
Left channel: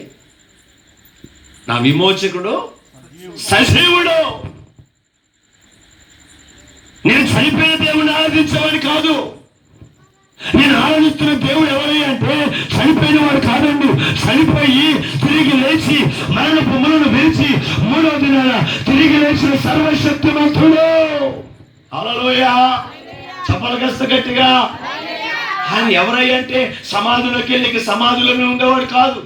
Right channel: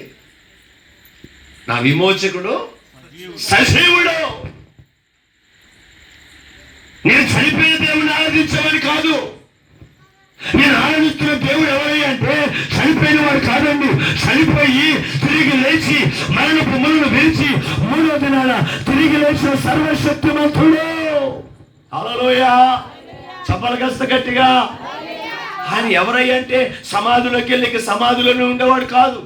నా విమోచకుడు సజీవుడు. నేను చనిపోయిన దేవుడిని ఆరాధించేవాడిని కాదు. నేను ఆరాధిస్తున్న దేవుడు ఎవరి అంటే చనిపోయిన వాడు కాదండి. చనిపోయి తిరిగి లేచి మరణపు ములను విరిచి 3వ దినాన తిరిగి లేచిన సర్వశక్తిమంతుడు. హల్లెలూయా. చెప్పాలి కాస్త గట్టిగా. ఆయన ఎవరయ్యా అంటే సమాధులకు వెళ్ళి సమాధులను ఉండేవాడు కాదు.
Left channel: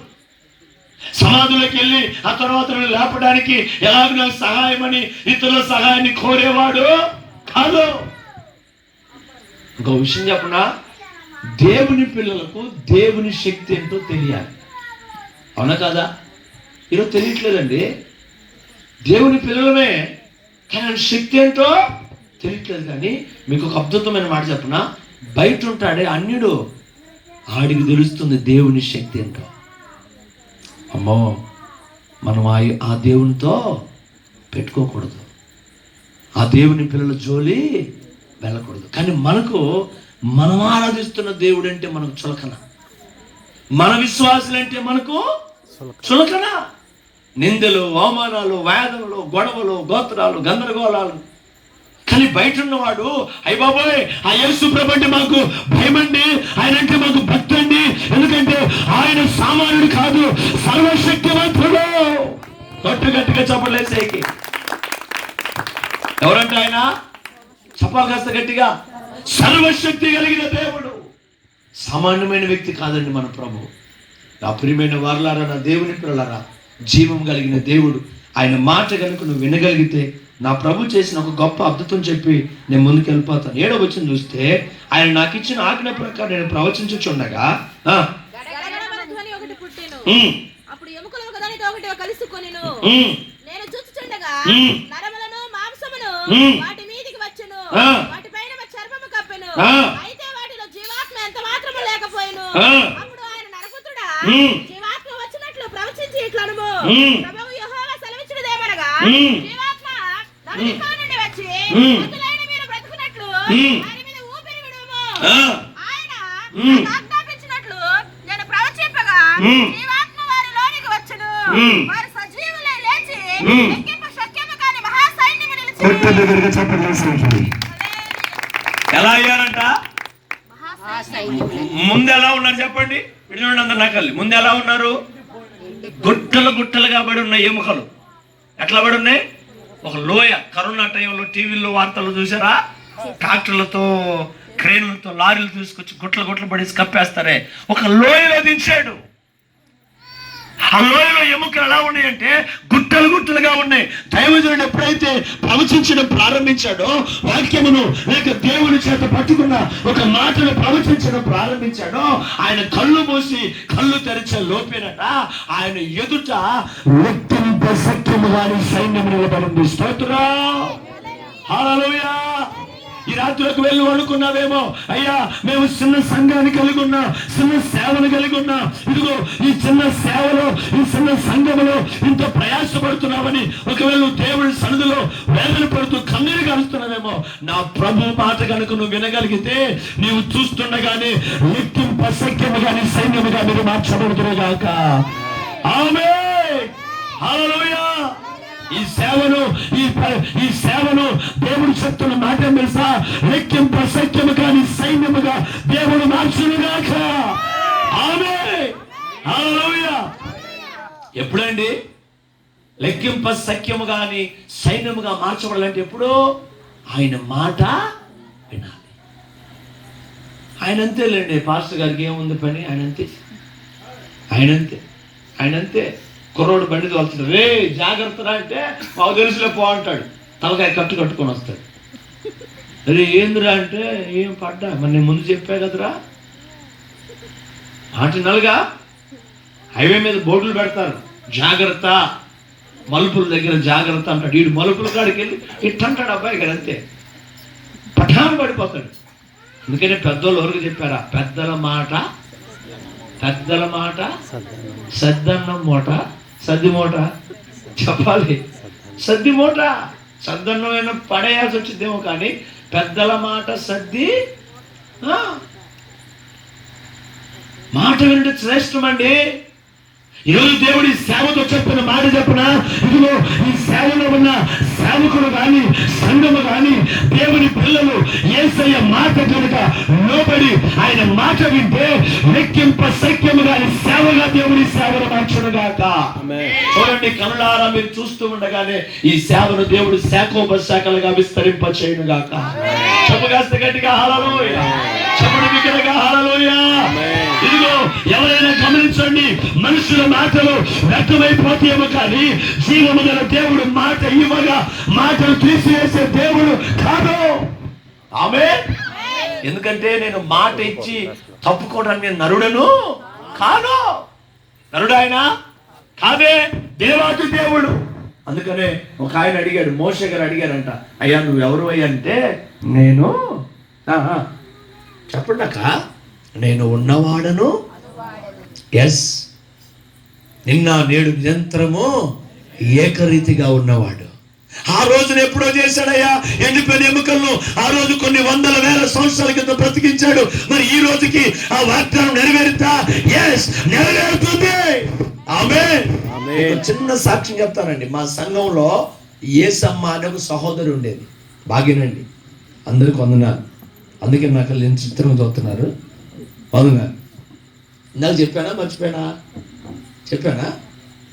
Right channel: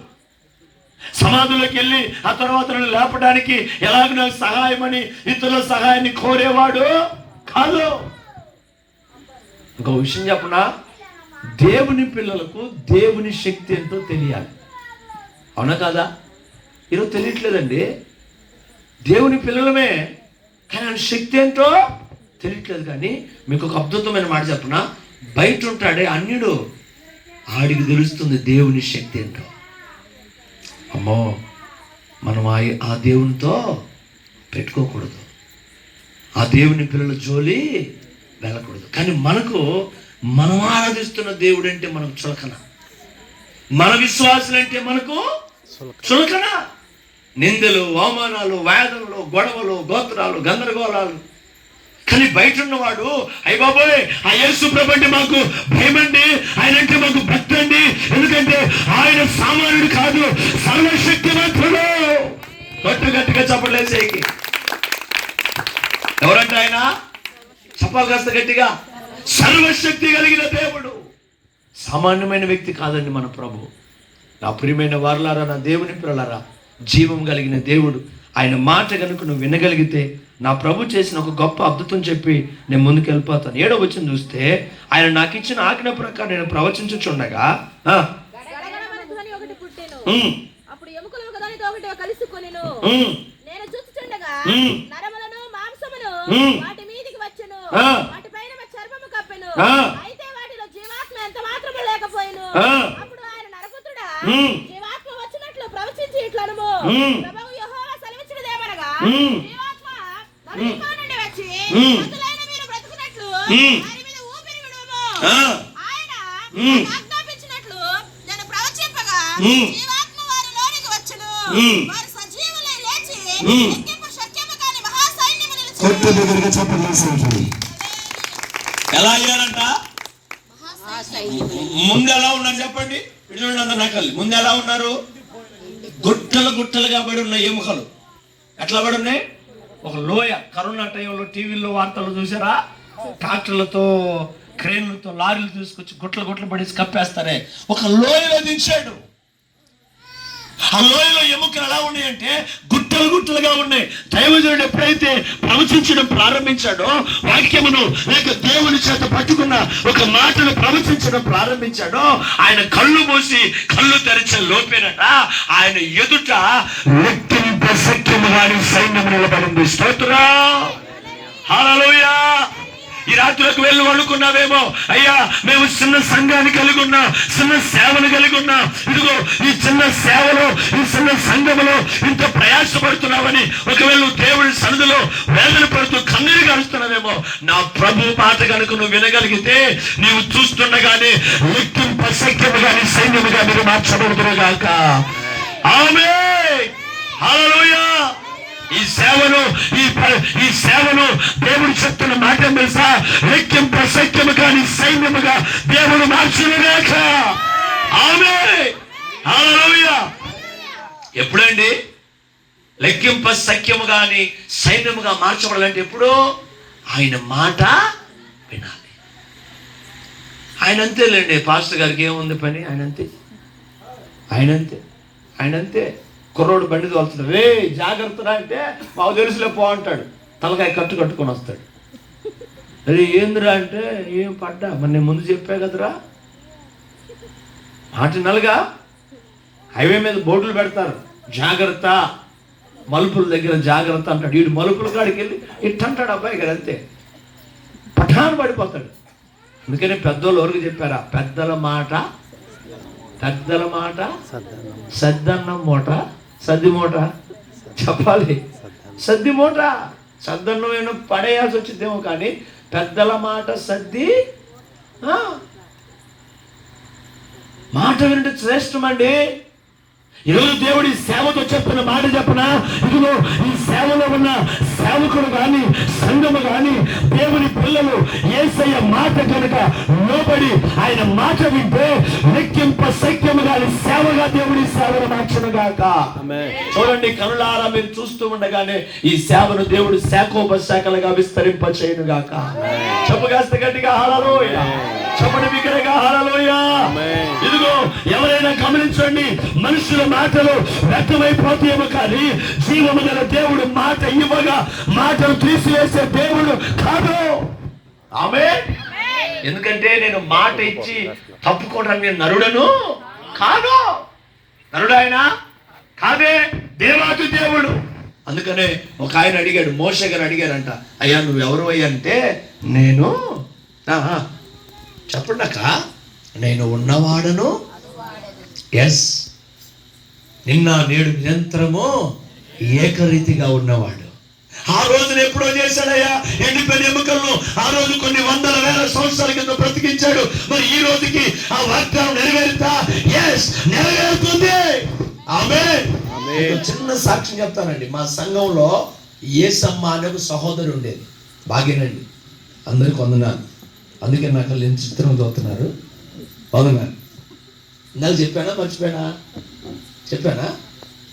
సమాధులకు వెళ్ళి ఆ తర్వాత లేపడానికి ఎలాగో సహాయమని ఇతరుల సహాయాన్ని కోరేవాడు కాదు. ఇంకో విషయం చెప్పనా? దేవుని పిల్లలకు దేవుని శక్తి ఏంటో తెలియాలి. అవునా కాదా? ఈరోజు తెలియట్లేదండి. దేవుని పిల్లలమే, కానీ ఆయన శక్తి ఏంటో తెలియట్లేదు. కానీ మీకు ఒక అద్భుతమైన మాట చెప్పనా? బయట ఉంటాడే అన్యుడు, ఆడికి తెలుస్తుంది దేవుని శక్తి ఏంటో. అమ్మో, మనం ఆ దేవునితో పెట్టుకోకూడదు, ఆ దేవుని పిల్లల జోలి వెళ్ళకూడదు. కానీ మనం ఆరాధిస్తున్న దేవుడు అంటే మనకు చులకన, మన విశ్వాసులు అంటే మనకు చులకన. నిందలు, అవమానాలు, వేదనలు, గొడవలు, గోత్రాలు, గందరగోళాలు. కానీ బయట ఉన్నవాడు అయ్య బాబోయ్ ఆ యేసు ప్రభు అంటే మాకు భయమండి, ఆయన అంటే మాకు భక్తి అండి. ఎందుకంటే ఆయన సామాన్యుడు కాదు, సర్వశక్తిమంతుడు. గట్టిగా చెప్పలేసేకి ఎవరంటే ఆయన? చెప్పాలి కాస్త గట్టిగా. సర్వశక్తి కలిగిన దేవుడు, సామాన్యమైన వ్యక్తి కాదండి మన ప్రభు. నా ప్రియమైన వారలారా, నా దేవుని పిల్లలారా, జీవం కలిగిన దేవుడు. ఆయన మాట కనుక నువ్వు వినగలిగితే నా ప్రభు చేసిన ఒక గొప్ప అద్భుతం చెప్పి నేను ముందుకు వెళ్ళిపోతాను. 7వ వచనం చూస్తే, ఆయన నాకు ఇచ్చిన ఆజ్ఞ ప్రకారం నేను ప్రవచించుచుండగా వాటి మీదికి వచ్చెను, వాటిపైన చర్మము కప్పెను, అయితే వాటిలో జీవాత్మ ఎంత మాత్రము లేకపోయెను. అప్పుడు ఆయన నరపుత్రుడా, జీవాత్మ వచ్చినట్లు ప్రవచించి ఇట్లనుము, ప్రభువు యెహోవా సెలవిచ్చినదేమనగా, జీవాత్మ నరునిలో నుండి వచ్చి అసలైన మీరు బ్రతుకున్నట్లు వారి మీద ఊపిరి విడుము. ఆయన ఆజ్ఞాపించినట్లు నేను ప్రవచింపగా జీవాత్మ వారి లోనికి వచ్చెను, వారు సజీవులై లేచి ఎలా అయ్యారంట? ముందు ఎలా ఉన్నారు చెప్పండి? ఇటు చూడండి అందరు నకల్లి. ముందు ఎలా ఉన్నారు? గుట్టలు గుట్టలుగా పడి ఉన్న ఎముకలు. ఎట్లా పడి ఉన్నాయి? ఒక లోయ. కరోనా టైంలో టీవీలో వార్తలు చూసారా? ట్రాక్టర్లతో, క్రేన్లతో, లారీలు తీసుకొచ్చి గుట్టలు పడేసి కప్పేస్తారే, ఒక లోయలో దించాడు. ఆ లోయలో ఎముకలు ఎలా ఉన్నాయంటే గుట్టలుగా ఉన్నాయి. దైవజనుడు ఎప్పుడైతే ప్రవచించడం ప్రారంభించాడో, వాక్యమును లేక దేవుని చేత పట్టుకున్న ఒక మాటను ప్రవచించడం ప్రారంభించాడో, ఆయన కళ్ళు మూసి కళ్ళు తెరిచే లోపేనట ఆయన ఎదుట లెక్కింప సఖ్యము వారి సైన్యం నిలబడింది. స్తోత్రం, హల్లెలూయా. ఈ రాత్రికి వెళ్ళి వండుకున్నావేమో, అయ్యా మేము చిన్న సంఘాన్ని కలిగి ఉన్నా, చిన్న సేవను కలిగి ఉన్నా, ఇదిగో ఈ చిన్న సేవలో, ఈ చిన్న సంఘములో ఇంత ప్రయాసపడుతున్నావని ఒకవేళ దేవుడి సన్నిధిలో వేదన పడుతూ కన్నీరు కారుస్తున్నావేమో, నా ప్రభు మాట కనుక నువ్వు వినగలిగితే నీవు చూస్తుండగానే లెక్కింప సఖ్యము గాని సైన్యముగా మీరు మార్చబడుతురుగాక. ఆమేన్, హల్లెలూయా. ఈ సేవను దేవుడు చెప్తున్న మాట తెలుసా? లెక్కింప సఖ్యము కాని సైన్యముగా దేవుడు మార్చునుగాక. ఆమేన్, హల్లెలూయా. ఎప్పుడండి లెక్కింప సఖ్యము కాని సైన్యముగా మార్చబడాలంటే? ఎప్పుడు? ఆయన మాట వినాలి. ఆయన అంతేలేండి, పాస్టర్ గారికి ఏముంది పని? ఆయన అంతే. కుర్రోడు బండి తోలుతున్నాడు, రే జాగ్రత్తరా అంటే మాకు తెలుసులే పో అంటాడు, తలకాయ కట్టుకొని వస్తాడు. అరే ఏందిరా అంటే, ఏం పడ్డా, మరి నేను ముందు చెప్పా కదరా. నలుగా హైవే మీద బోర్డులు పెడతారు, జాగ్రత్త, మలుపుల దగ్గర జాగ్రత్త అంటాడు. వీడు మలుపుల కాడికి వెళ్ళి ఇట్టంటాడు అబ్బాయి గారు, అంతే పఠాను పడిపోతాడు. అందుకనే పెద్దోళ్ళు ఎవరికి చెప్పారా? పెద్దల మాట సద్దన్నం మూట, సద్ది మూట చెప్పాలి. సద్ది మూట, సద్దన్నం ఏమో పడేయాల్సి వచ్చిందేమో, కానీ పెద్దల మాట సద్ది. మాట వినడం శ్రేష్టమండి. ఈరోజు దేవుడి సేవతో చెప్పిన మాట చెప్పిన, ఇదిగో ఈ సేవలో ఉన్న సేవకులు కానీ సంఘము కానీ దేవుని పిల్లలు యేసయ్య మాట కనుక లోబడి ఆయన మాట వింటే లెక్కింప సఖ్యము కానీ సేవగా దేవుడి సేవను మార్చునుగాక. చూడండి, కనులారా మీరు చూస్తూ ఉండగానే ఈ సేవను దేవుడు శాఖోపశాఖలుగా విస్తరింప చేయునుగాక. చెప్పగాస్త గట్టిగా హల్లెలూయా, చెప్పండి బిగ్గరగా హల్లెలూయా. ఇదిగో ఎవరైనా గమనించండి, మనుషుల మాటలు వ్యర్థమైపోతేమో కానీ జీవము గల దేవుడు మాట ఇవ్వగా మాటలు తీసివేసే దేవుడు కాదు. ఆమేన్. ఎందుకంటే నేను మాట ఇచ్చి తప్పుకోవడానికి నరుడను కాదు. నరుడు ఆయన కాదే, దేవాది దేవుడు. అందుకనే ఒక ఆయన అడిగాడు, మోషే గారు అడిగారంట, అయ్యా నువ్వు ఎవరు అయ్యా అంటే, నేను చెప్పండి అక్క, నేను ఉన్నవాడను, ఎస్, నిన్న నేడు నిరంతరము ఏకరీతిగా ఉన్నవాడు. ఆ రోజున ఎప్పుడో చేశాడయ్యా ఎండిపోయిన ఎముకలను, ఆ రోజు కొన్ని వందల వేల సంవత్సరాల క్రితం బ్రతికించాడు. మరి ఈ రోజుకి ఆ వాగ్దానం నెరవేరుతా? ఎస్, నెరవేరుతుంది. ఆమేన్. చిన్న సాక్ష్యం చెప్తానండి. మా సంఘంలో ఏసమ్మ అనే ఒక సహోదరు ఉండేది. బాగేనండి, అందరికి వందనాలు. అందుకే నాకు నేను చిత్రం చూస్తున్నారు. వందనాలు. నాకు చెప్పానా చెప్పానా?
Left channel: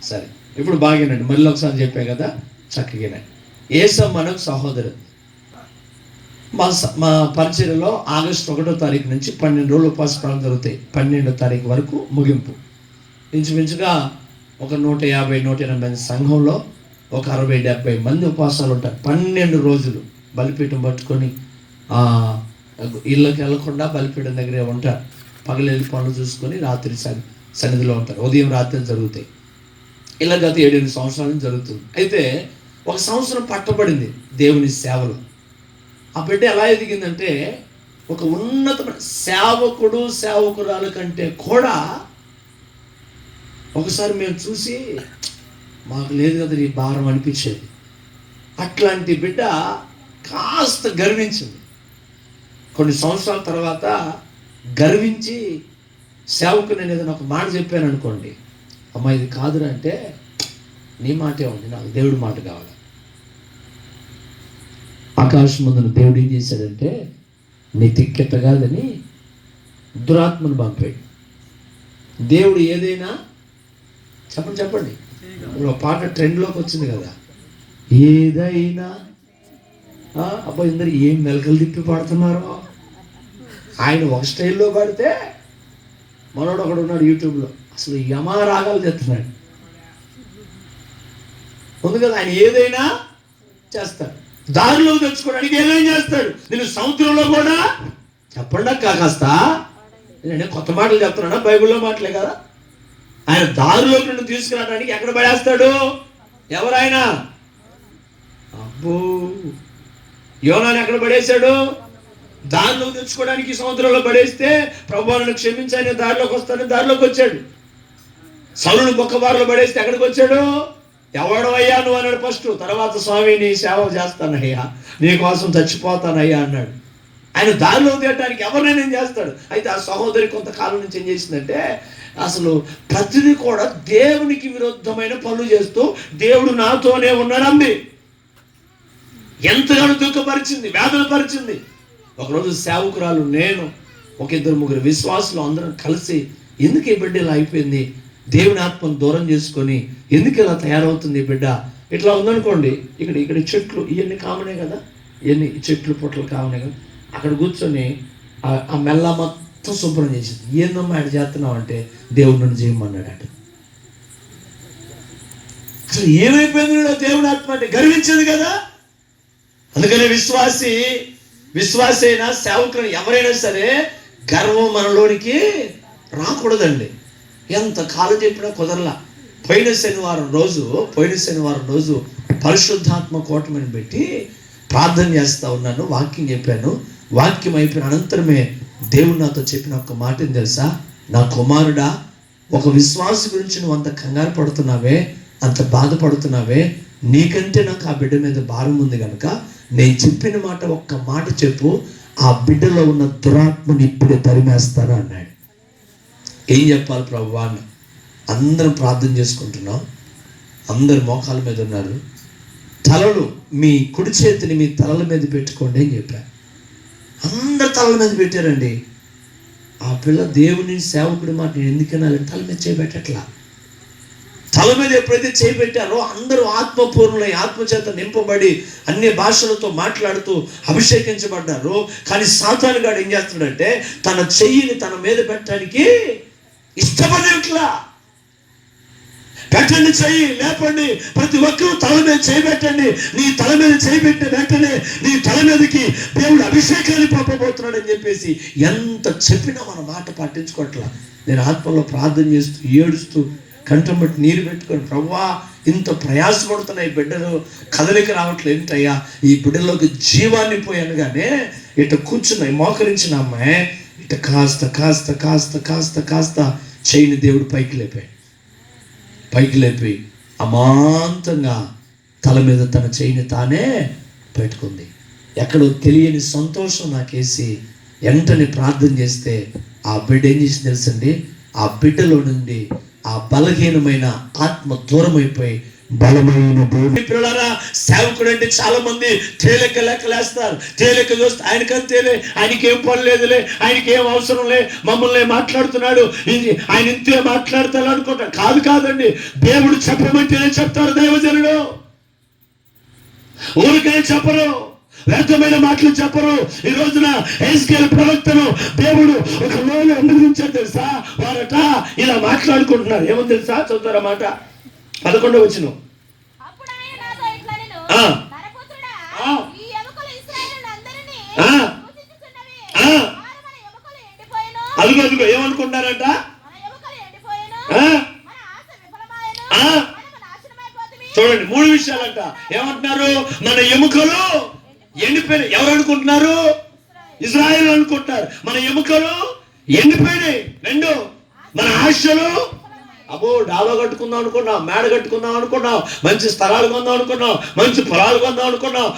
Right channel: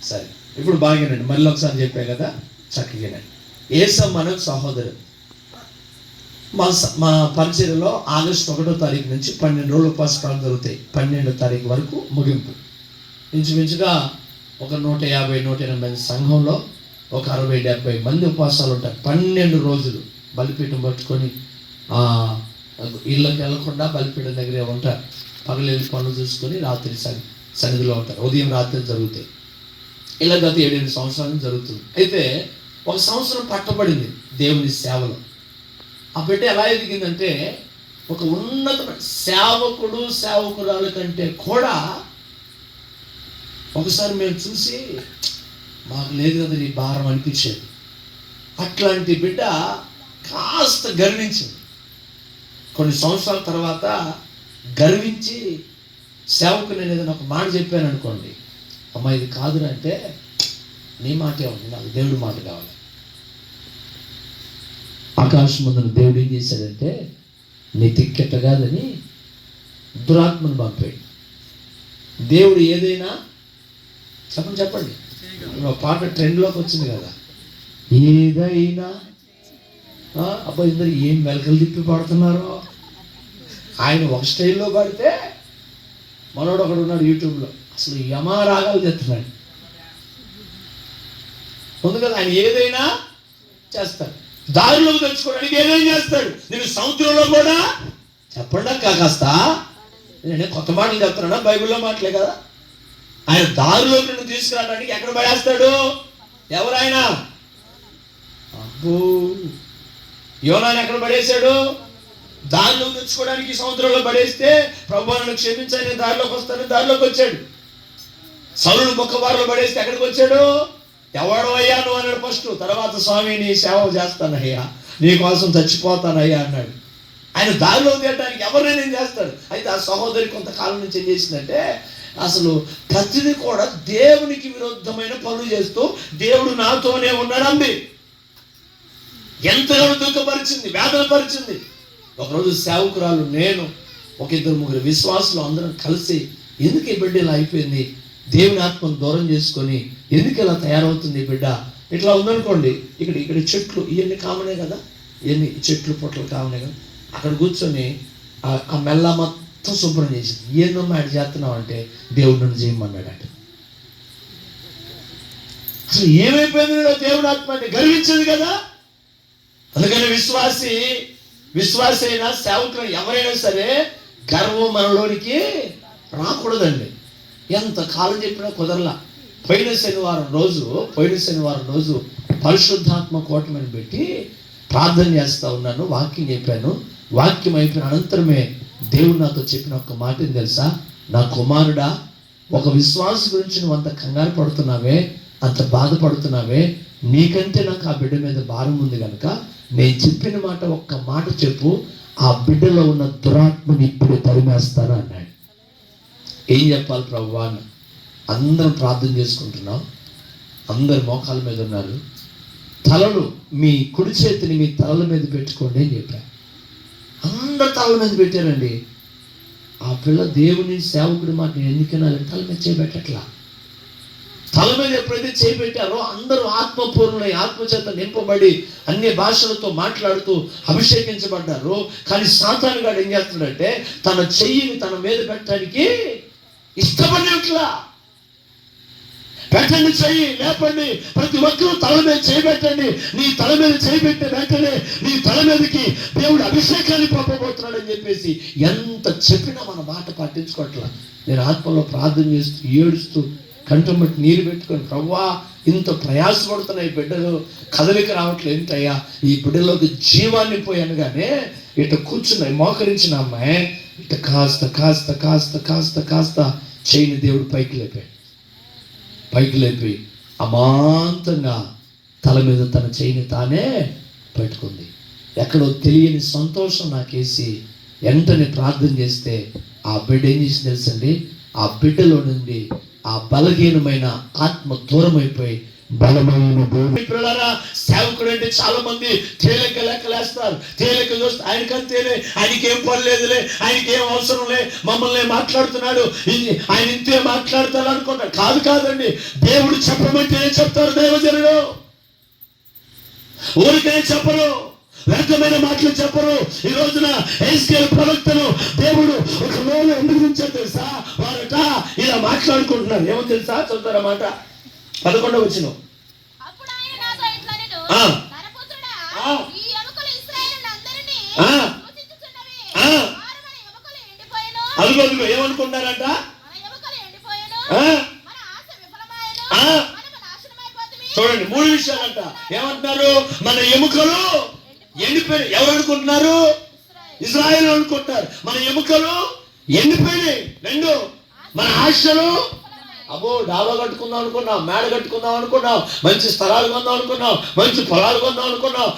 సరే, ఇప్పుడు బాగేనండి. మళ్ళీ ఒకసారి చెప్పా కదా, చక్కగానండి. ఏసమ్మ అనే సహోదరు మా పరిచర్యలో ఆగస్టు 1వ తారీఖు నుంచి 12 రోజులు ఉపవాసాలు జరుగుతాయి. 12వ తారీఖు వరకు ముగింపు. ఇంచుమించుగా ఒక 150-180 సంఘంలో ఒక 60-70 మంది ఉపవాసాలు ఉంటారు. 12 రోజులు బలిపీఠం పట్టుకొని ఇళ్ళకి వెళ్ళకుండా బలిపీఠం దగ్గరే ఉంటారు. పగలెళ్ళి పనులు చూసుకొని రాత్రి సన్నిధిలో ఉంటారు. ఉదయం రాత్రి జరుగుతాయి. ఇలా గత 7-8 సంవత్సరాల నుంచి జరుగుతుంది. అయితే ఒక సంవత్సరం పట్టబడింది దేవుని సేవలో. ఆ బిడ్డ ఎలా ఎదిగిందంటే, ఒక ఉన్నతమైన సేవకురాలు కంటే కూడా ఒకసారి మేము చూసి మాకు లేదు కదా ఈ భారం అనిపించేది. అట్లాంటి బిడ్డ కాస్త గర్వించింది. కొన్ని సంవత్సరాల తర్వాత గర్వించి సేవకు నేను ఏదైనా ఒక మాట చెప్పాను అనుకోండి, అమ్మ ఇది కాదురా అంటే, నీ మాటే ఉంది, నాకు దేవుడి మాట కావాలి. ఆకాశం ముందున దేవుడు ఏం చేశాడంటే, నీ తిక్కెట్ట కాదని దురాత్మను పంపాడు. దేవుడు ఏదైనా చెప్పండి ఇప్పుడు ఒక పాట ట్రెండ్లోకి వచ్చింది కదా, ఏదైనా. అబ్బా ఇందరు ఏం మెలకలు తిప్పి పాడుతున్నారో. ఆయన ఒక స్టైల్లో పాడితే మనోడు ఒకడు ఉన్నాడు యూట్యూబ్లో, అసలు యమా రాగాలు తెస్తున్నాడు. ఉంది కదా, ఆయన ఏదైనా చేస్తాడు. దారిలో తెచ్చుకోవడానికి ఏదైనా చేస్తాడు. నేను సముద్రంలో కూడా చెప్పండి కాస్త, నేను కొత్త మాటలు చెప్తున్నానా, బైబిల్లో మాటలే కదా. ఆయన దారిలోకి నిన్ను తీసుకురావడానికి ఎక్కడ పడేస్తాడు? ఎవరాయన? అబ్బో, యోనాను ఎక్కడ పడేశాడు? దారిలో తెచ్చుకోవడానికి సముద్రంలో పడేస్తే ప్రభువు నన్ను క్షమించాలి, నేను దారిలోకి వస్తాను, దారిలోకి వచ్చాడు. సౌలును బొక్కబారులో పడేస్తే ఎక్కడికి వచ్చాడు? ఎవడవయ్యా నువ్వు అన్నాడు ఫస్ట్. తర్వాత స్వామి నీ సేవ చేస్తానయ్యా, నీ కోసం చచ్చిపోతానయ్యా అన్నాడు. ఆయన దారిలో తీయడానికి ఎవరినైనా ఏం చేస్తాడు. అయితే ఆ సహోదరి కొంతకాలం నుంచి ఏం చేసిందంటే, అసలు ప్రతిదీ కూడా దేవునికి విరుద్ధమైన పనులు చేస్తూ దేవుడు నాతోనే ఉన్నాడంది. ఎంతగానో దుఃఖపరిచింది, వేదనపరిచింది. ఒకరోజు సేవకురాలు, నేను, ఒక ఇద్దరు ముగ్గురు విశ్వాసులు అందరం కలిసి, ఎందుకు ఈ బిడ్డ ఇలా అయిపోయింది, దేవుని ఆత్మను దూరం చేసుకొని ఎందుకు ఇలా తయారవుతుంది ఈ బిడ్డ, ఇట్లా ఉందనుకోండి. ఇక్కడ చెట్లు ఇవన్నీ కామనే కదా, ఇవన్నీ చెట్లు పొట్లు కామనే కదా. అక్కడ కూర్చొని ఆ మెల్ల మొత్తం శుభ్రం చేసింది. ఏందమ్మా యాడ్ చేస్తున్నావు అంటే, దేవుడు నన్ను చేయమన్నాడు అంటే. అసలు ఏమైపోయింది దేవుని ఆత్మ అంటే? గర్వించింది కదా. అందుకని విశ్వాసి అయినా సేవకులు ఎవరైనా సరే గర్వం మనలోనికి రాకూడదండి. ఎంత కాలం చెప్పినా కుదరలా. పోయిన శనివారం రోజు పరిశుద్ధాత్మ కూటమిని పెట్టి ప్రార్థన చేస్తూ ఉన్నాను, వాక్యం చెప్పాను. వాక్యం అయిపోయిన అనంతరమే దేవుడు నాతో చెప్పిన ఒక మాటని తెలుసా, నా కుమారుడా, ఒక విశ్వాసి గురించి నువ్వు అంత కంగారు పడుతున్నావే, అంత బాధపడుతున్నావే, నీకంటే నాకు ఆ బిడ్డ మీద భారం ఉంది కనుక నేను చెప్పిన మాట ఒక్క మాట చెప్పు, ఆ బిడ్డలో ఉన్న దురాత్మని ఇప్పుడే తరిమేస్తాను అన్నాడు. ఏం చెప్పాలి ప్రభువా అన్న. అందరం ప్రార్థన చేసుకుంటున్నాం, అందరు మోకాల మీద ఉన్నారు. తలలు మీ కుడి చేతిని మీ తలల మీద పెట్టుకోండి అని చెప్పారు. అందరు తలల మీద పెట్టారండి. ఆ పిల్ల దేవుని సేవకుడి మాట నేను ఎందుకన్నా తల మీద చేయబెట్టట్లా. తల మీద ఎప్పుడైతే చేయబెట్టారో అందరూ ఆత్మపూర్ణులై ఆత్మచేత నింపబడి అన్ని భాషలతో మాట్లాడుతూ అభిషేకించబడ్డారు. కానీ సాతానుగాడు ఏం చేస్తున్నాడంటే, తన చెయ్యిని తన మీద పెట్టడానికి ఇష్టపడేట్లా. పెట్టండి, చెయ్యి లేపండి, ప్రతి ఒక్కరూ తల మీద చేయబెట్టండి. నీ తల మీద చేయబెట్టిన వెంటనే నీ తల మీదకి దేవుడు అభిషేకాన్ని పంపబోతున్నాడని చెప్పేసి ఎంత చెప్పినా మన మాట పట్టించుకోవట్లా. నేను ఆత్మలో ప్రార్థన చేస్తూ ఏడుస్తూ కంఠం బట్టి నీరు పెట్టుకొని, ప్రభువా ఇంత ప్రయాసపడుతున్నాయి బిడ్డలు, కదలిక రావట్లేదు ఏంటయ్యా, ఈ బిడ్డలోకి జీవాన్ని పోయాను. కానీ ఇట కూర్చున్నాయి మోకరించిన అమ్మాయి ఇట కాస్త కాస్త కాస్త కాస్త కాస్త చెయ్యిని దేవుడు పైకి లేపి అమాంతంగా తల మీద తన చెయ్యిని తానే పెట్టుకుంది. ఎక్కడో తెలియని సంతోషం నాకేసి వెంటనే ప్రార్థన చేస్తే ఆ బిడ్డ ఏం చేసి తెలుసండి, ఆ బిడ్డలో నుండి ఆ బలహీనమైన ఆత్మ దూరం అయిపోయి బలమైన దేవుని పిల్లలారా, సేవకుడు అంటే చాలా మంది తేలిక లెక్కలేస్తారు. తేలిక చూస్తే ఆయనకి ఏం పని లేదులే, ఆయనకి ఏం అవసరం లే, మమ్మల్ని మాట్లాడుతున్నాడు, ఆయన ఇంతే మాట్లాడతాడు అనుకుంటాడు. కాదండి, దేవుడు చెప్పమంటేనే చెప్తారు దైవజనుడు. ఊరికే చెప్పరు, వ్యర్థమైన మాటలు చెప్పరు. ఈ రోజున హెజ్కేలు ప్రవక్తను దేవుడు ఒక లోన ఎందుకు ఉంచాడు తెలుసా? వారట ఇలా మాట్లాడుకుంటున్నారు. ఏమో తెలుసా? చదువుతారా మాట 11వ వచనం. అదిగో ఏమనుకుంటారట? చూడండి, 3 విషయాలంట. ఏమంటున్నారు? మన ఎముకలు ఎండిపోయినాయి. ఎవరు అనుకుంటున్నారు? ఇజ్రాయేల్ అనుకుంటున్నారు. మన ఎముకలు ఎండిపోయినాయి. 2, మన ఆశలు, అబ్బో డాబా కట్టుకుందాం అనుకున్నాం, మేడ కట్టుకుందాం అనుకున్నాం, మంచి స్థలాలు కొందాం అనుకున్నాం, మంచి పొలాలు కొందాం అనుకున్నాం.